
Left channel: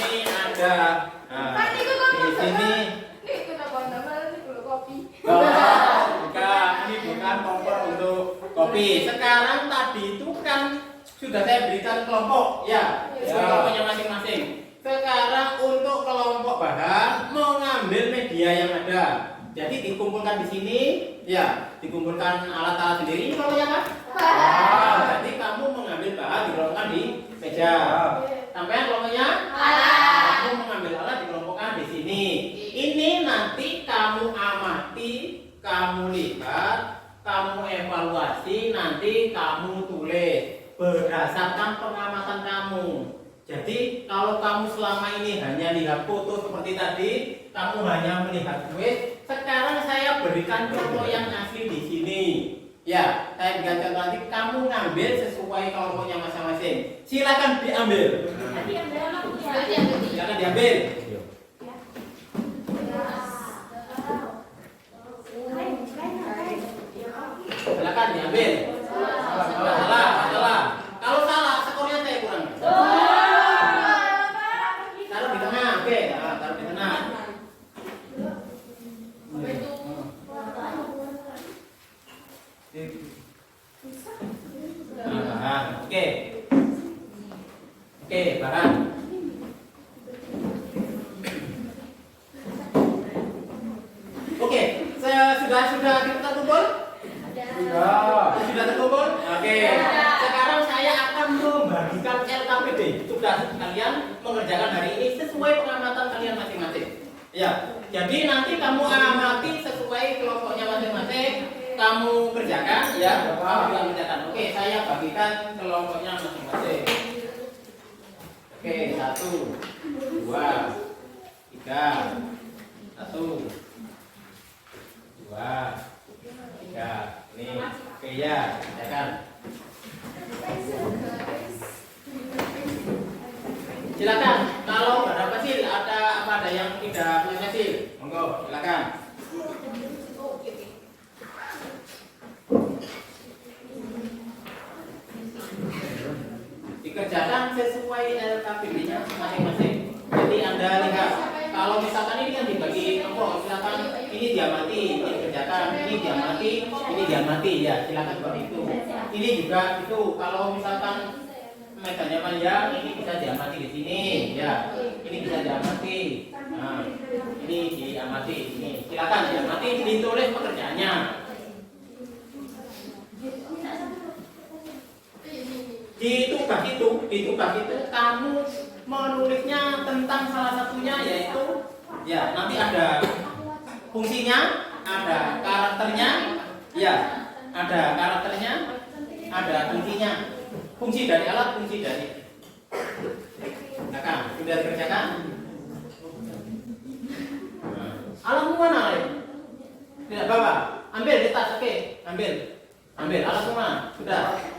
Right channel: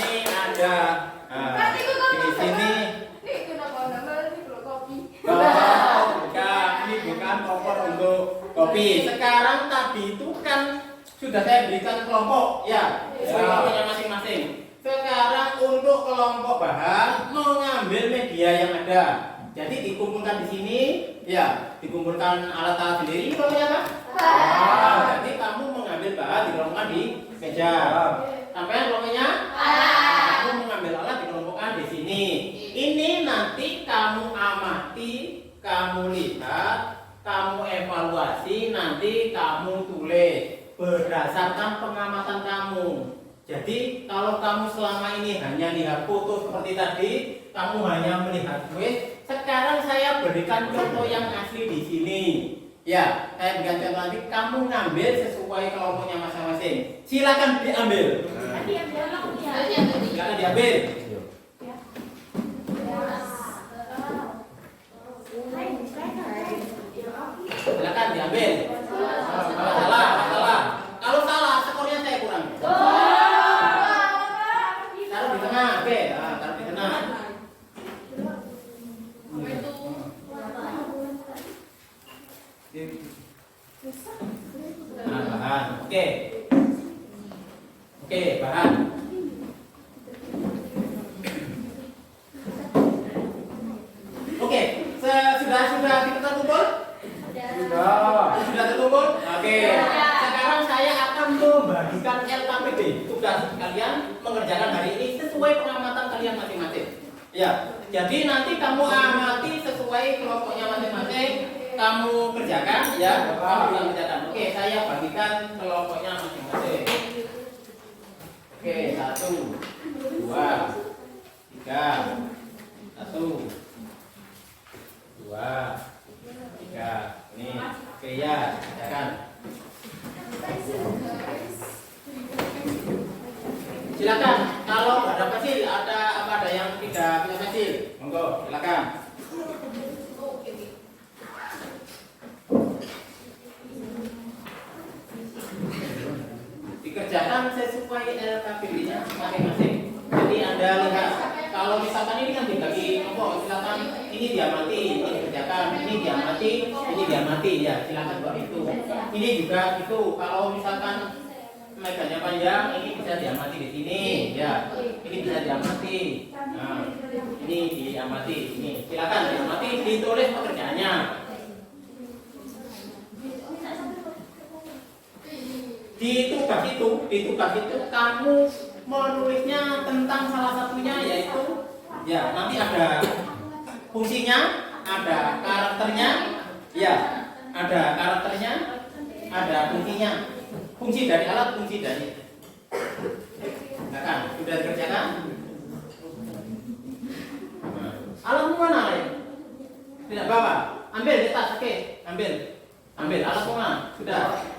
Ini ada di sini. Ini bukan kompor untuk kopi. Sekarang tadi itu kan sudah saya berikan kelompok ya, kelompoknya masing-masing. Sekarang untuk kelompok bahan mau ngambil media yang ada. Jadi dikumpulkan di sini, ya, dikumpulkan alat-alat sendiri, kelompoknya kan? Jadi kamu mengambil bahan dikelompokkan di meja. Sampai kelompoknya? Kamu mengambil alat dikelompokkan di sini. Ini nanti kamu amati, kamu lihat, kamu evaluasi, nanti kamu tulis berdasarkan pengamatan kamu. Jadi kalau kamu selama ini hanya lihat foto seperti tadi, kamu hanya melihat kuis, sekarang saya berikan contoh yang asli di sini. Ya, saya berikan contoh nanti kamu ngambil sesuai kelompoknya masing-masing. Silakan diambil. Silakan diambil. Silakan diambil. Salah. Kalau salah, skornya saya kurangi. Taruh di tengah, oke. Nah, taruh di tengah. Nah, bahan. Oke, bahan. Oke, sudah kita kumpul? Sudah terkumpul? Oke. Sekarang saya akan membagikan LKPD. Tugas kalian mengerjakan hari ini sesuai pengamatan kalian masing-masing. Ya, jadi nanti kamu amati sesuai kelompoknya masing-masing. Kamu kerjakan, ya. Kamu juga kerjakan. Oke, saya bagikan kelompoknya masing-masing. Oke, 1, 2, 3, 1, 2, 3. Ini, oke ya, kerjakan. Silakan. Kalau nggak ada pensil, ada yang tidak punya pensil, monggo, silakan. Dikerjakan sesuai LKPD-nya masing-masing. Jadi Anda lihat, kalau misalkan ini kan dibagi kelompok, misalkan ini diamati, ini dikerjakan, ini diamati, ya silakan buat itu. Ini juga itu, kalau misalkan medannya panjang, ini bisa diamati di sini, ya. Ini bisa diamati. Nah, ini diamati, ini silakan diamati, ditulis pekerjaannya. Di tugas itu kamu menulisnya tentang salah satunya, yaitu ya nanti ada fungsinya, ada karakternya, ya ada karakternya, ada fungsinya, fungsi dari alat, fungsi dari sudah dikerjakan. Alatmu mana? Tidak bawa, ambil di tas, oke, ambil alatmu mana? Sudah.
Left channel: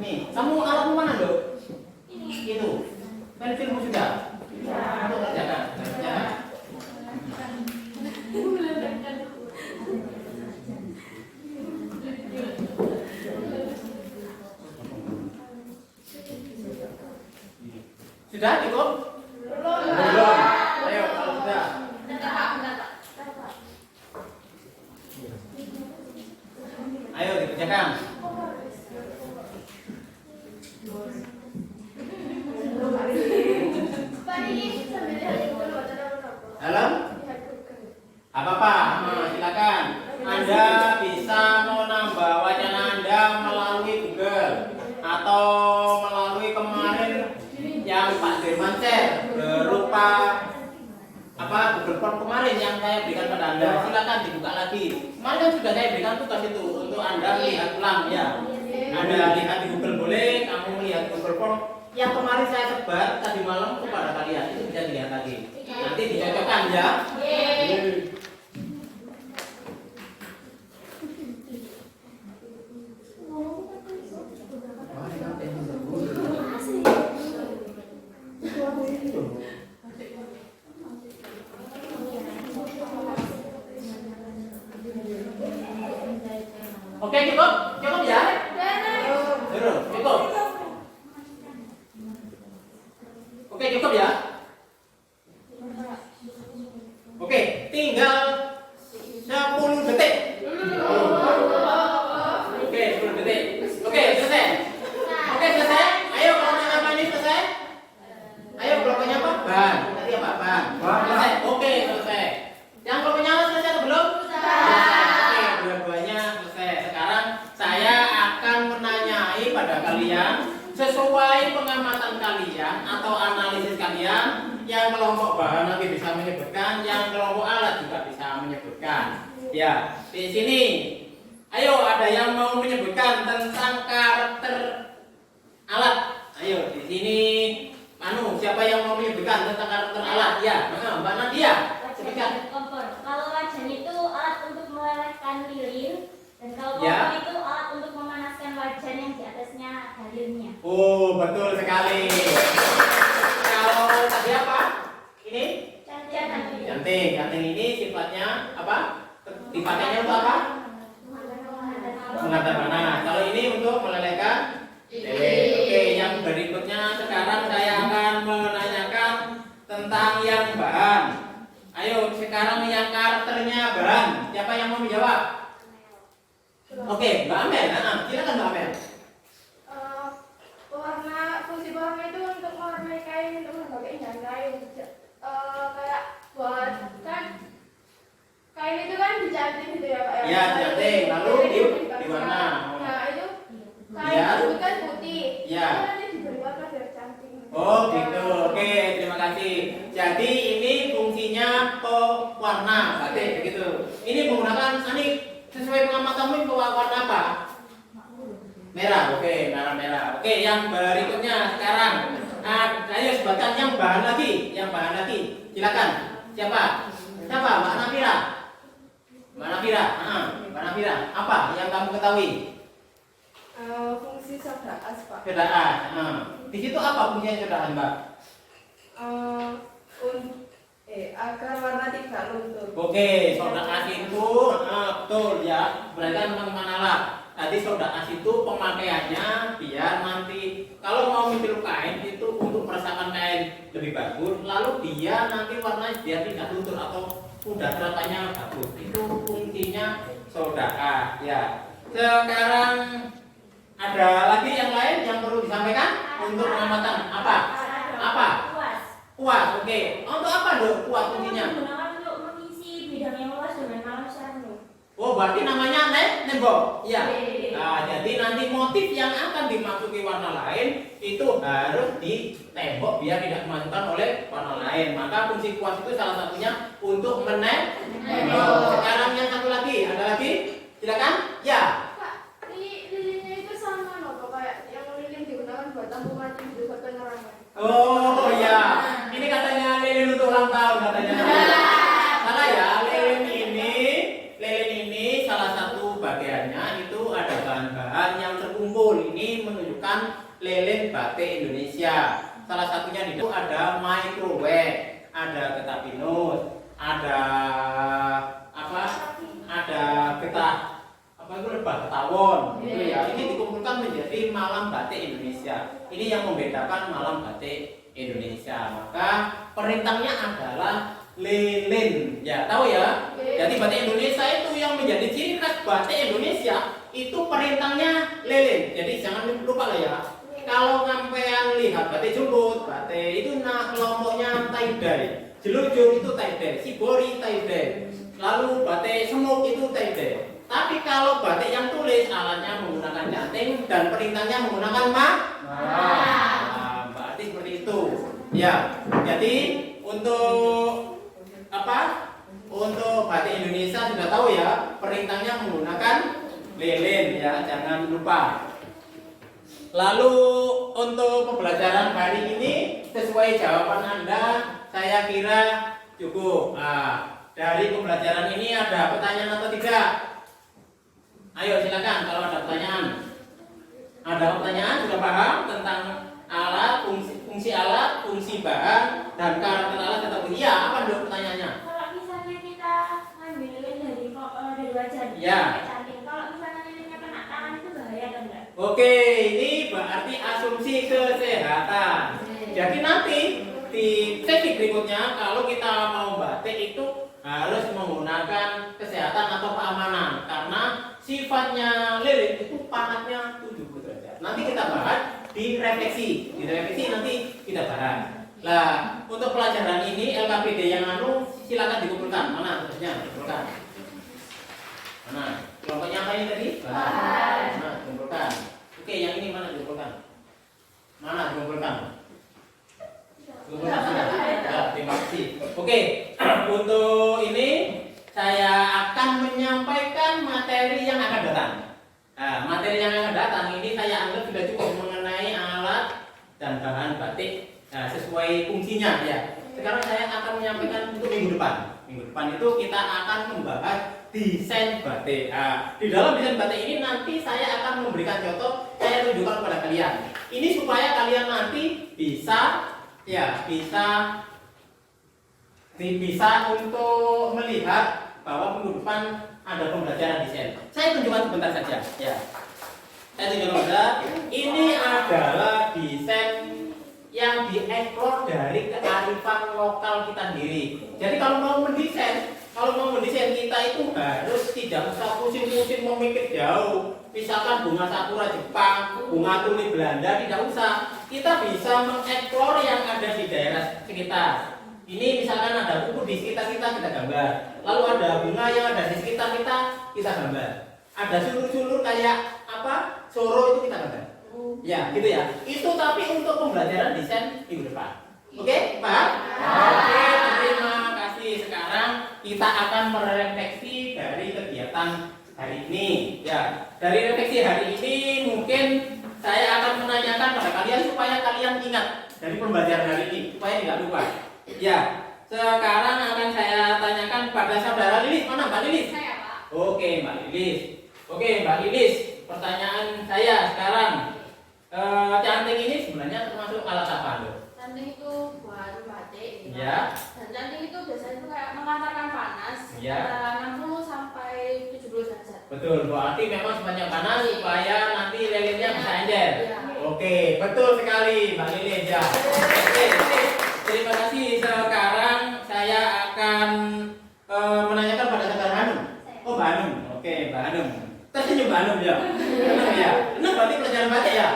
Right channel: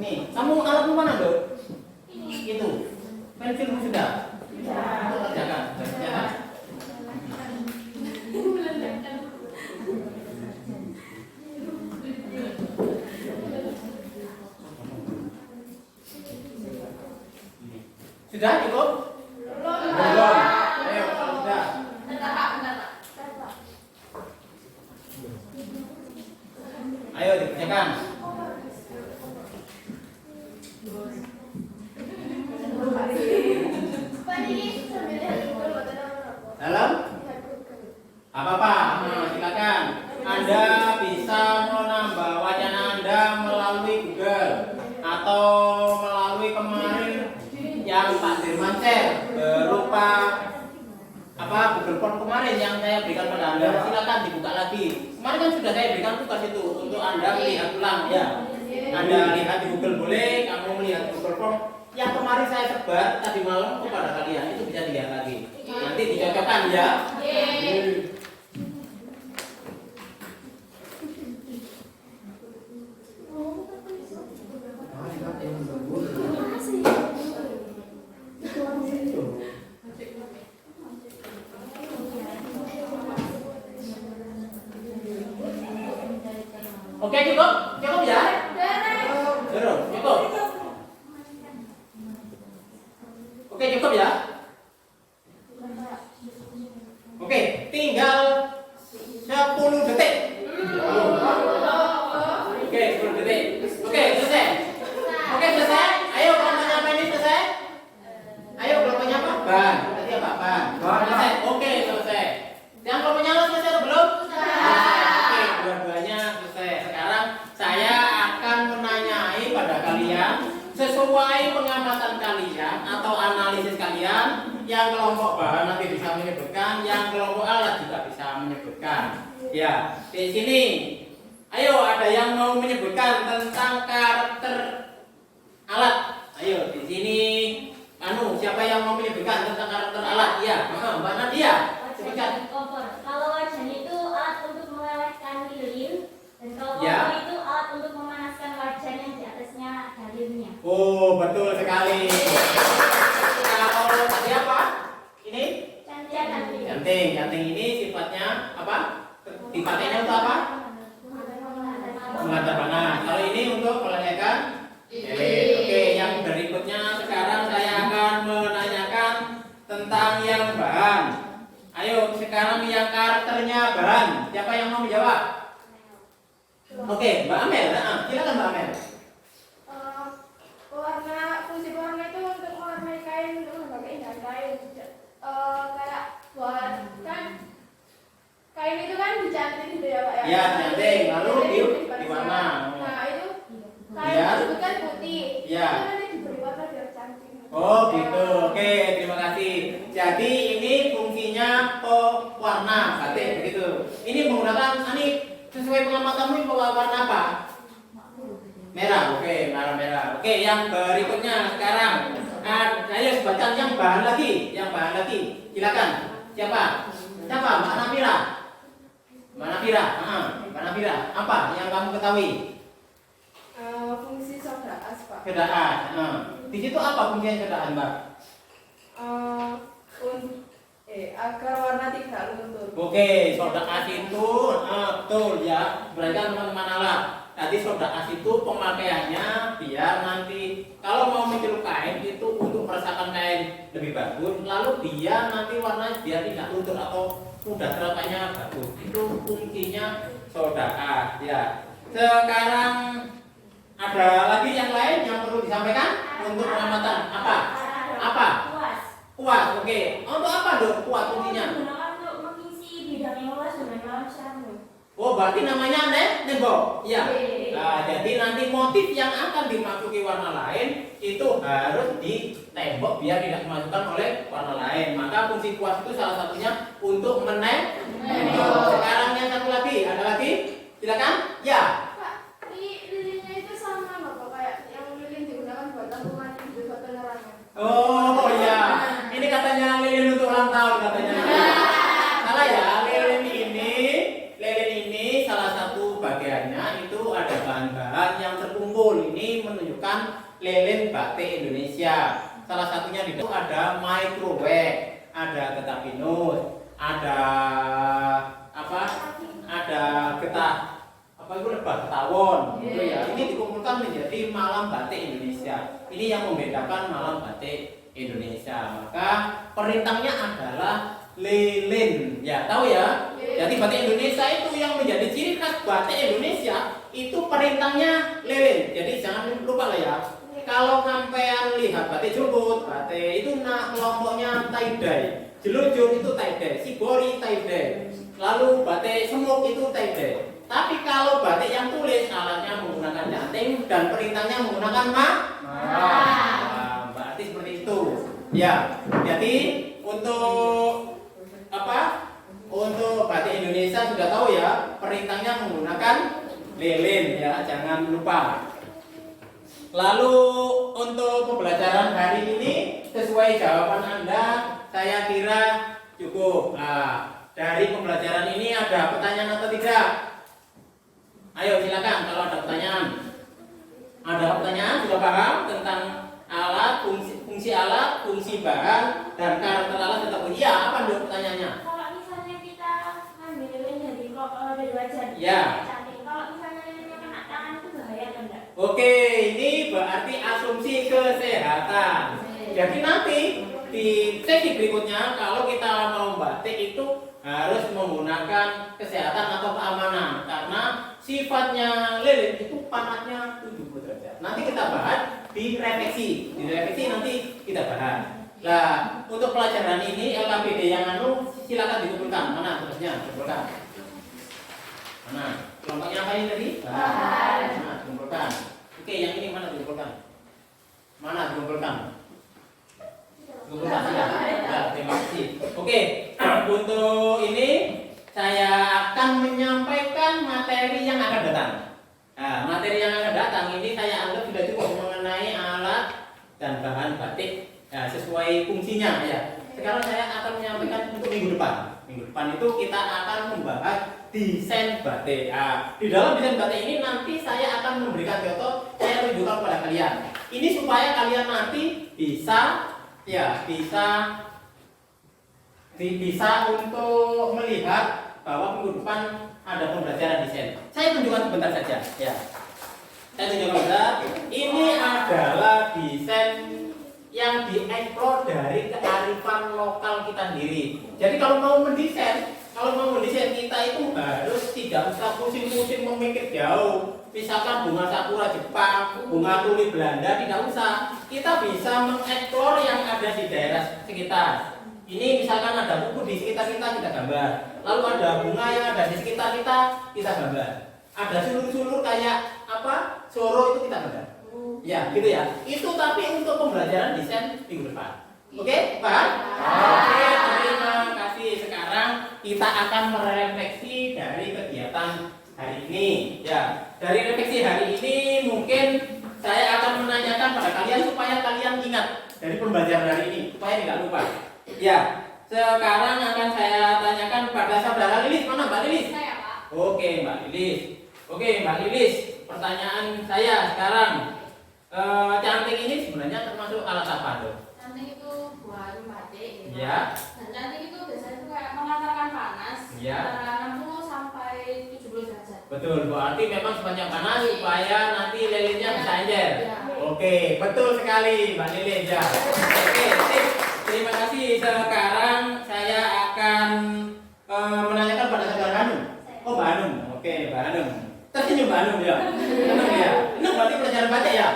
Nih, kamu alatmu mana, Dok? Itu. Pensilmu sudah? Kerjakan. Sudah cukup? Belum. Ayo, kalau sudah. Ayo dikerjakan. Dalam? Apa-apa, silakan. Anda bisa menambah wacana Anda melalui Google atau melalui kemarin yang Pak Dirman share berupa Google Form kemarin yang saya berikan pada Anda. Silakan dibuka lagi. Kemarin kan sudah saya berikan tugas itu untuk Anda lihat ulang, ya. Anda lihat di Google boleh, kamu melihat Google Form yang kemarin saya sebar tadi malam kepada kalian, itu bisa dilihat lagi. Nanti dicocokkan, ya. Oke, cukup ya? Cukup. Oke, cukup ya? Oke, tinggal 10 detik. Oke, 10 detik. Oke, selesai. Ayo kelompoknya apa ini selesai? Ayo kelompoknya apa? Ban. Tadi apa? Ban. Selesai. Oke, selesai. Yang kelompoknya selesai atau belum? Oke, dua-duanya selesai. Sekarang saya akan menanyai pada kalian sesuai pengamatan kalian atau analisis kalian. Yang kelompok bahan nanti bisa menyebutkan, yang kelompok alat juga bisa menyebutkan. Ya, di sini, ayo ada yang mau menyebutkan tentang karakter alat. Ayo di sini, siapa yang mau menyebutkan tentang karakter alat? Ya, Mbak Nadia. wajan dan kompor. Kalau wajan itu alat untuk melelehkan lilin, dan kalau Ya. kompor itu alat untuk memanaskan wajan yang di atasnya dalirnya. Oh, betul sekali. Kalau tadi apa? Ini janting. Janting ini sifatnya apa? Dipakainya untuk apa? Mengantar panas. Kalau ini untuk melelehkan lilin. Oke, yang berikutnya sekarang saya akan menanyakan tentang yang bahan. Ayo, sekarang yang karakternya bahan. Siapa yang mau menjawab? Oke, Mbak Amel. Nah, silakan Mbak Amel. Fungsi warna itu untuk mewarnai kain, untuk membagai indahan kain. Kayak buat kan kain itu kan dicanting gitu ya Pak ya. Ya, dicanting, lalu diwarna. Nah itu kain Ya. itu kan putih. Ya. Itu nanti diberi warna biar cantik. Oh gitu, oke, terima kasih. Jadi ini fungsinya pewarna batik begitu. Ini menggunakan sesuai pengamatanmu ini warna apa? Merah, oke, merah. Oke, yang berikutnya sekarang. Ayo sebutkan yang bahan lagi. Silakan. Siapa? Mbak Nafira. Mbak Nafira. Apa yang kamu ketahui? Fungsi soda as Pak. Soda as. Di situ apa fungsinya soda as, Mbak? Agar warna tidak luntur. Oke, soda as itu betul ya. Perhatikan teman-teman alat. Tadi soda as itu pemakaiannya biar nanti kalau mau mencelup kain itu untuk meresapkan kain lebih bagus. Lalu dia nanti warnanya dia tidak luntur atau mudah teropaknya bagus. Itu fungsinya soda as ya. Sekarang ada lagi yang lain yang perlu disampaikan untuk pengamatan apa? Kuas. Oke. Untuk apa dong kuas fungsinya? Digunakan untuk mengisi bidang yang luas dengan masyarakat. Oh, berarti namanya nembok. Iya. Nah, jadi nanti motif yang akan dimasuki warna lain itu harus di tembok biar tidak dimasukkan oleh warna lain. Maka fungsi kuas itu salah satunya untuk menembok. Sekarang yang satu lagi, ada lagi? Silakan. Ya. Pak, lilinnya itu sama loh kayak yang lilin digunakan buat lampu mati buat penerangan. Oh iya. Ini katanya lilin untuk ulang tahun katanya. Salah ya, lilin ini salah satu bagiannya itu ada bahan-bahan yang terkumpul. Ini menunjukkan lilin batik Indonesia. Salah satunya di situ ada microwave, ada getah pinus, ada apa? Ada getah ketawon gitu ya. Ini dikumpulkan menjadi malam batik Indonesia. Ini yang membedakan malam batik Indonesia. Maka perintahnya adalah lilin. Ya, tahu ya? Jadi batik Indonesia itu yang menjadi ciri khas batik Indonesia itu perintahnya lilin. Jadi jangan lupa lah ya. Kalau sampean lihat batik Jungkut, batik itu kelompoknya tie-dye. Jelujur itu tie-dye, Shibori tie-dye. Lalu batik Semuk itu tie-dye. Tapi kalau batik yang tulis alatnya menggunakan janting dan perintahnya menggunakan Nah, berarti seperti itu. Ya. Jadi untuk apa? Untuk batik Indonesia sudah tahu ya, perintahnya menggunakan lilin ya, jangan lupa. Lalu untuk pembelajaran hari ini sesuai jawaban Anda, saya kira cukup. Nah, dari pembelajaran ini ada pertanyaan atau tidak? Ayo silakan kalau ada pertanyaan. Ada pertanyaan, sudah paham tentang alat, fungsi alat, fungsi bahan, dan karakter alat tetap iya. Apa dulu pertanyaannya? Kalau misalnya kita ngambil lilin dari wajan, Ya. kalau misalnya lilinnya kena tangan itu bahaya atau enggak? Oke, ini berarti asumsi kesehatan. Jadi nanti di sesi berikutnya kalau kita mau batik itu harus menggunakan kesehatan atau keamanan karena sifatnya lilin itu panasnya 70 derajat. Nanti kita bahas di refleksi. Di refleksi nanti kita bahas. Nah, untuk pelajaran ini LKPD yang silakan dikumpulkan. Mana tugasnya? Dikumpulkan. Mana? Kelompoknya apa ini tadi? Mana? Dikumpulkan. Oke, yang ini mana dikumpulkan? Mana dikumpulkan? Dikumpulkan sudah. Ya, terima kasih. Oke, untuk ini saya akan menyampaikan materi yang akan datang. Nah, materi yang akan datang ini saya anggap sudah cukup mengenai alat dan bahan batik sesuai fungsinya ya. Sekarang saya akan menyampaikan untuk minggu depan. Minggu depan itu kita akan membahas desain batik. Di dalam desain batik ini nanti saya akan memberikan contoh, saya tunjukkan kepada kalian. Ini supaya kalian nanti bisa untuk melihat bahwa minggu depan ada pembelajaran desain. Saya tunjukkan sebentar saja. Ya, saya tunjukkan sebentar. Ini adalah desain yang dieksplor dari kearifan lokal kita sendiri. Jadi kalau mau mendesain kita itu harus tidak usah pusing-pusing memikir jauh. Misalkan bunga sakura Jepang, bunga tulip Belanda, tidak usah. Kita bisa mengeksplor yang ada di daerah sekitar. Ini misalkan ada buku di sekitar kita gambar. Lalu ada bunga yang ada di sekitar kita gambar. Ada sulur-sulur kayak apa? Soro itu kita gambar. Ya, gitu ya. Itu tapi untuk pembelajaran desain minggu depan. Oke, paham? Oke, terima kasih. Sekarang kita akan merefleksi dari kegiatan hari ini. Ya, dari refleksi hari ini mungkin saya akan menanyakan pada kalian supaya kalian ingat dari pembelajaran hari ini, supaya tidak lupa. Ya, sekarang akan saya tanyakan pada saudara Lilis. Mana Mbak Lilis? Saya, Pak. Oke, Mbak Lilis. Oke, Mbak Lilis. Pertanyaan saya sekarang. Canting ini sebenarnya termasuk alat apa dong? Canting itu buat batik. Ya. Dan canting itu biasanya itu kayak mengantarkan panas. Ya. Antara 60 sampai 70 derajat. Betul, berarti memang sepanjang panas supaya nanti lilinnya bisa encer. Ya. Oke, betul sekali Mbak Lilin. Ya. Oke, sip. Terima kasih. Sekarang saya akan menanyakan pada saudara Hanum. Oh, Mbak Hanum. Oke, Mbak Hanum. Tersenyum Mbak Hanum ya. Senang ya. Ini berarti pelajaran baca ya.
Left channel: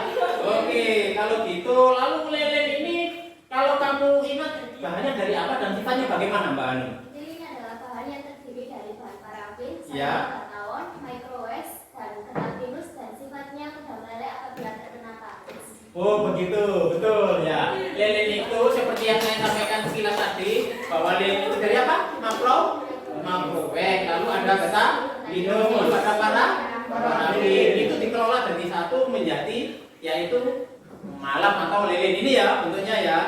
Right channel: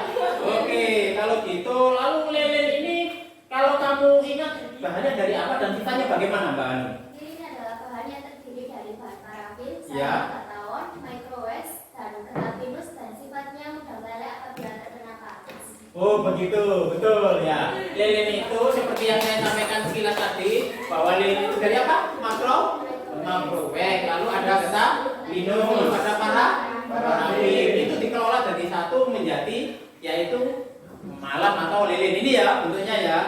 Oke, kalau gitu lalu lilin ini kalau kamu ingat bahannya dari apa dan sifatnya bagaimana Mbak Hanum? Lilin adalah bahan yang terdiri dari bahan parafin, Ya. kataon, microwave, dan kenal pinus dan sifatnya mudah meleleh apabila terkena panas. Oh begitu, betul ya. Lilin itu seperti yang saya sampaikan sekilas tadi bahwa lilin itu dari apa? Microwave. Lalu ada getah minum, lalu ada parafin. Itu dikelola dari satu menjadi yaitu malam atau lilin ini ya bentuknya ya.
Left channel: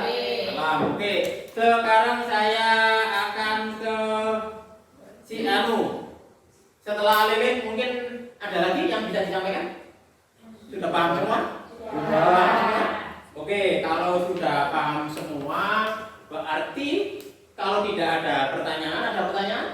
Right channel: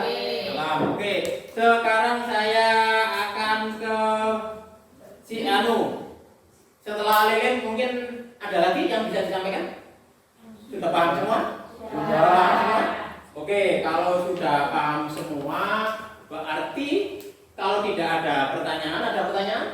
Malam. Oke. Sekarang saya akan ke si Anu. Setelah lilin mungkin ada lagi yang bisa disampaikan? Sudah paham semua? Sudah paham semua? Oke, kalau sudah paham semua berarti kalau tidak ada pertanyaan, ada pertanyaan?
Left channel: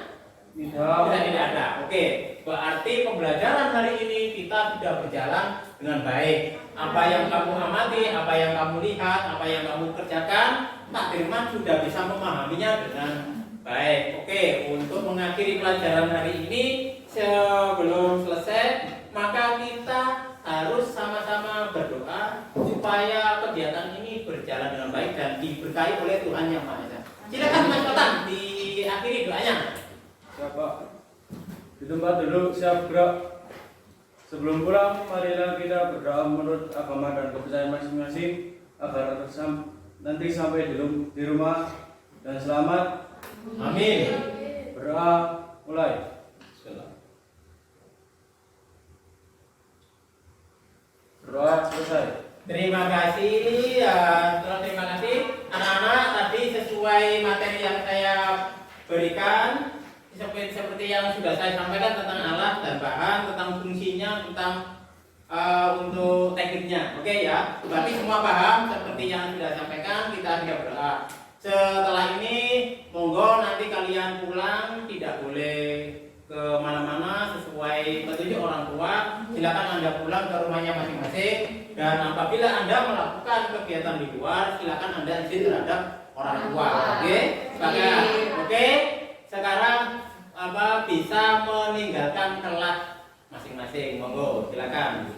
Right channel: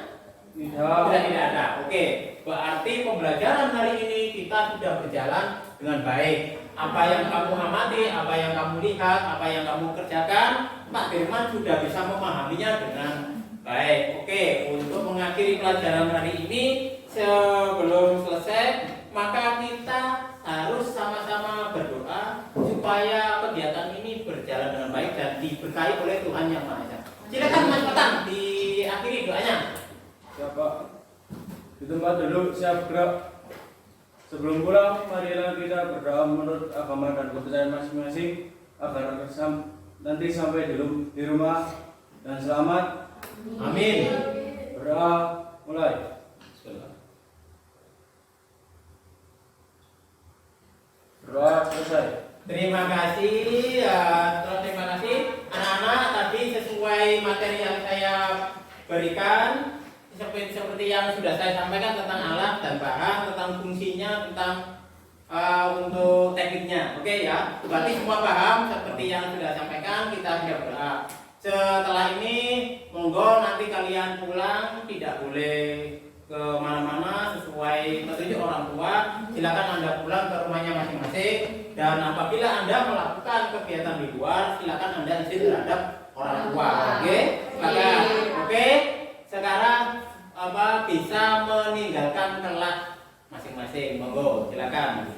Tidak ada. Oke, berarti pembelajaran hari ini kita sudah berjalan dengan baik. Apa yang kamu amati, apa yang kamu lihat, apa yang kamu kerjakan, Pak Dirman sudah bisa memahaminya dengan baik. Oke, untuk mengakhiri pelajaran hari ini sebelum selesai, maka kita harus sama-sama berdoa supaya kegiatan ini berjalan dengan baik dan diberkahi oleh Tuhan Yang Maha Esa. Silakan Mas Patan diakhiri doanya. Siapa? Di tempat duduk siap gerak. Sebelum pulang, marilah kita berdoa menurut agama dan kepercayaan masing-masing agar nanti sampai di rumah dan selamat. Amin. Berdoa mulai. Berdoa selesai. Terima kasih, terima kasih anak-anak. Tadi sesuai materi yang saya berikan, seperti yang sudah saya sampaikan tentang alat dan bahan, tentang fungsinya, tentang untuk tekniknya. Oke ya, berarti semua paham seperti yang sudah sampaikan. Kita sudah berdoa. Setelah ini, monggo nanti kalian pulang tidak boleh ke mana-mana sesuai petunjuk orang tua. Silakan Anda pulang ke rumahnya masing-masing. Dan apabila Anda melakukan kegiatan di luar, silakan Anda izin terhadap orang tua. Oke, silakan. Oke, sekarang bisa meninggalkan kelas masing-masing. Monggo, silakan.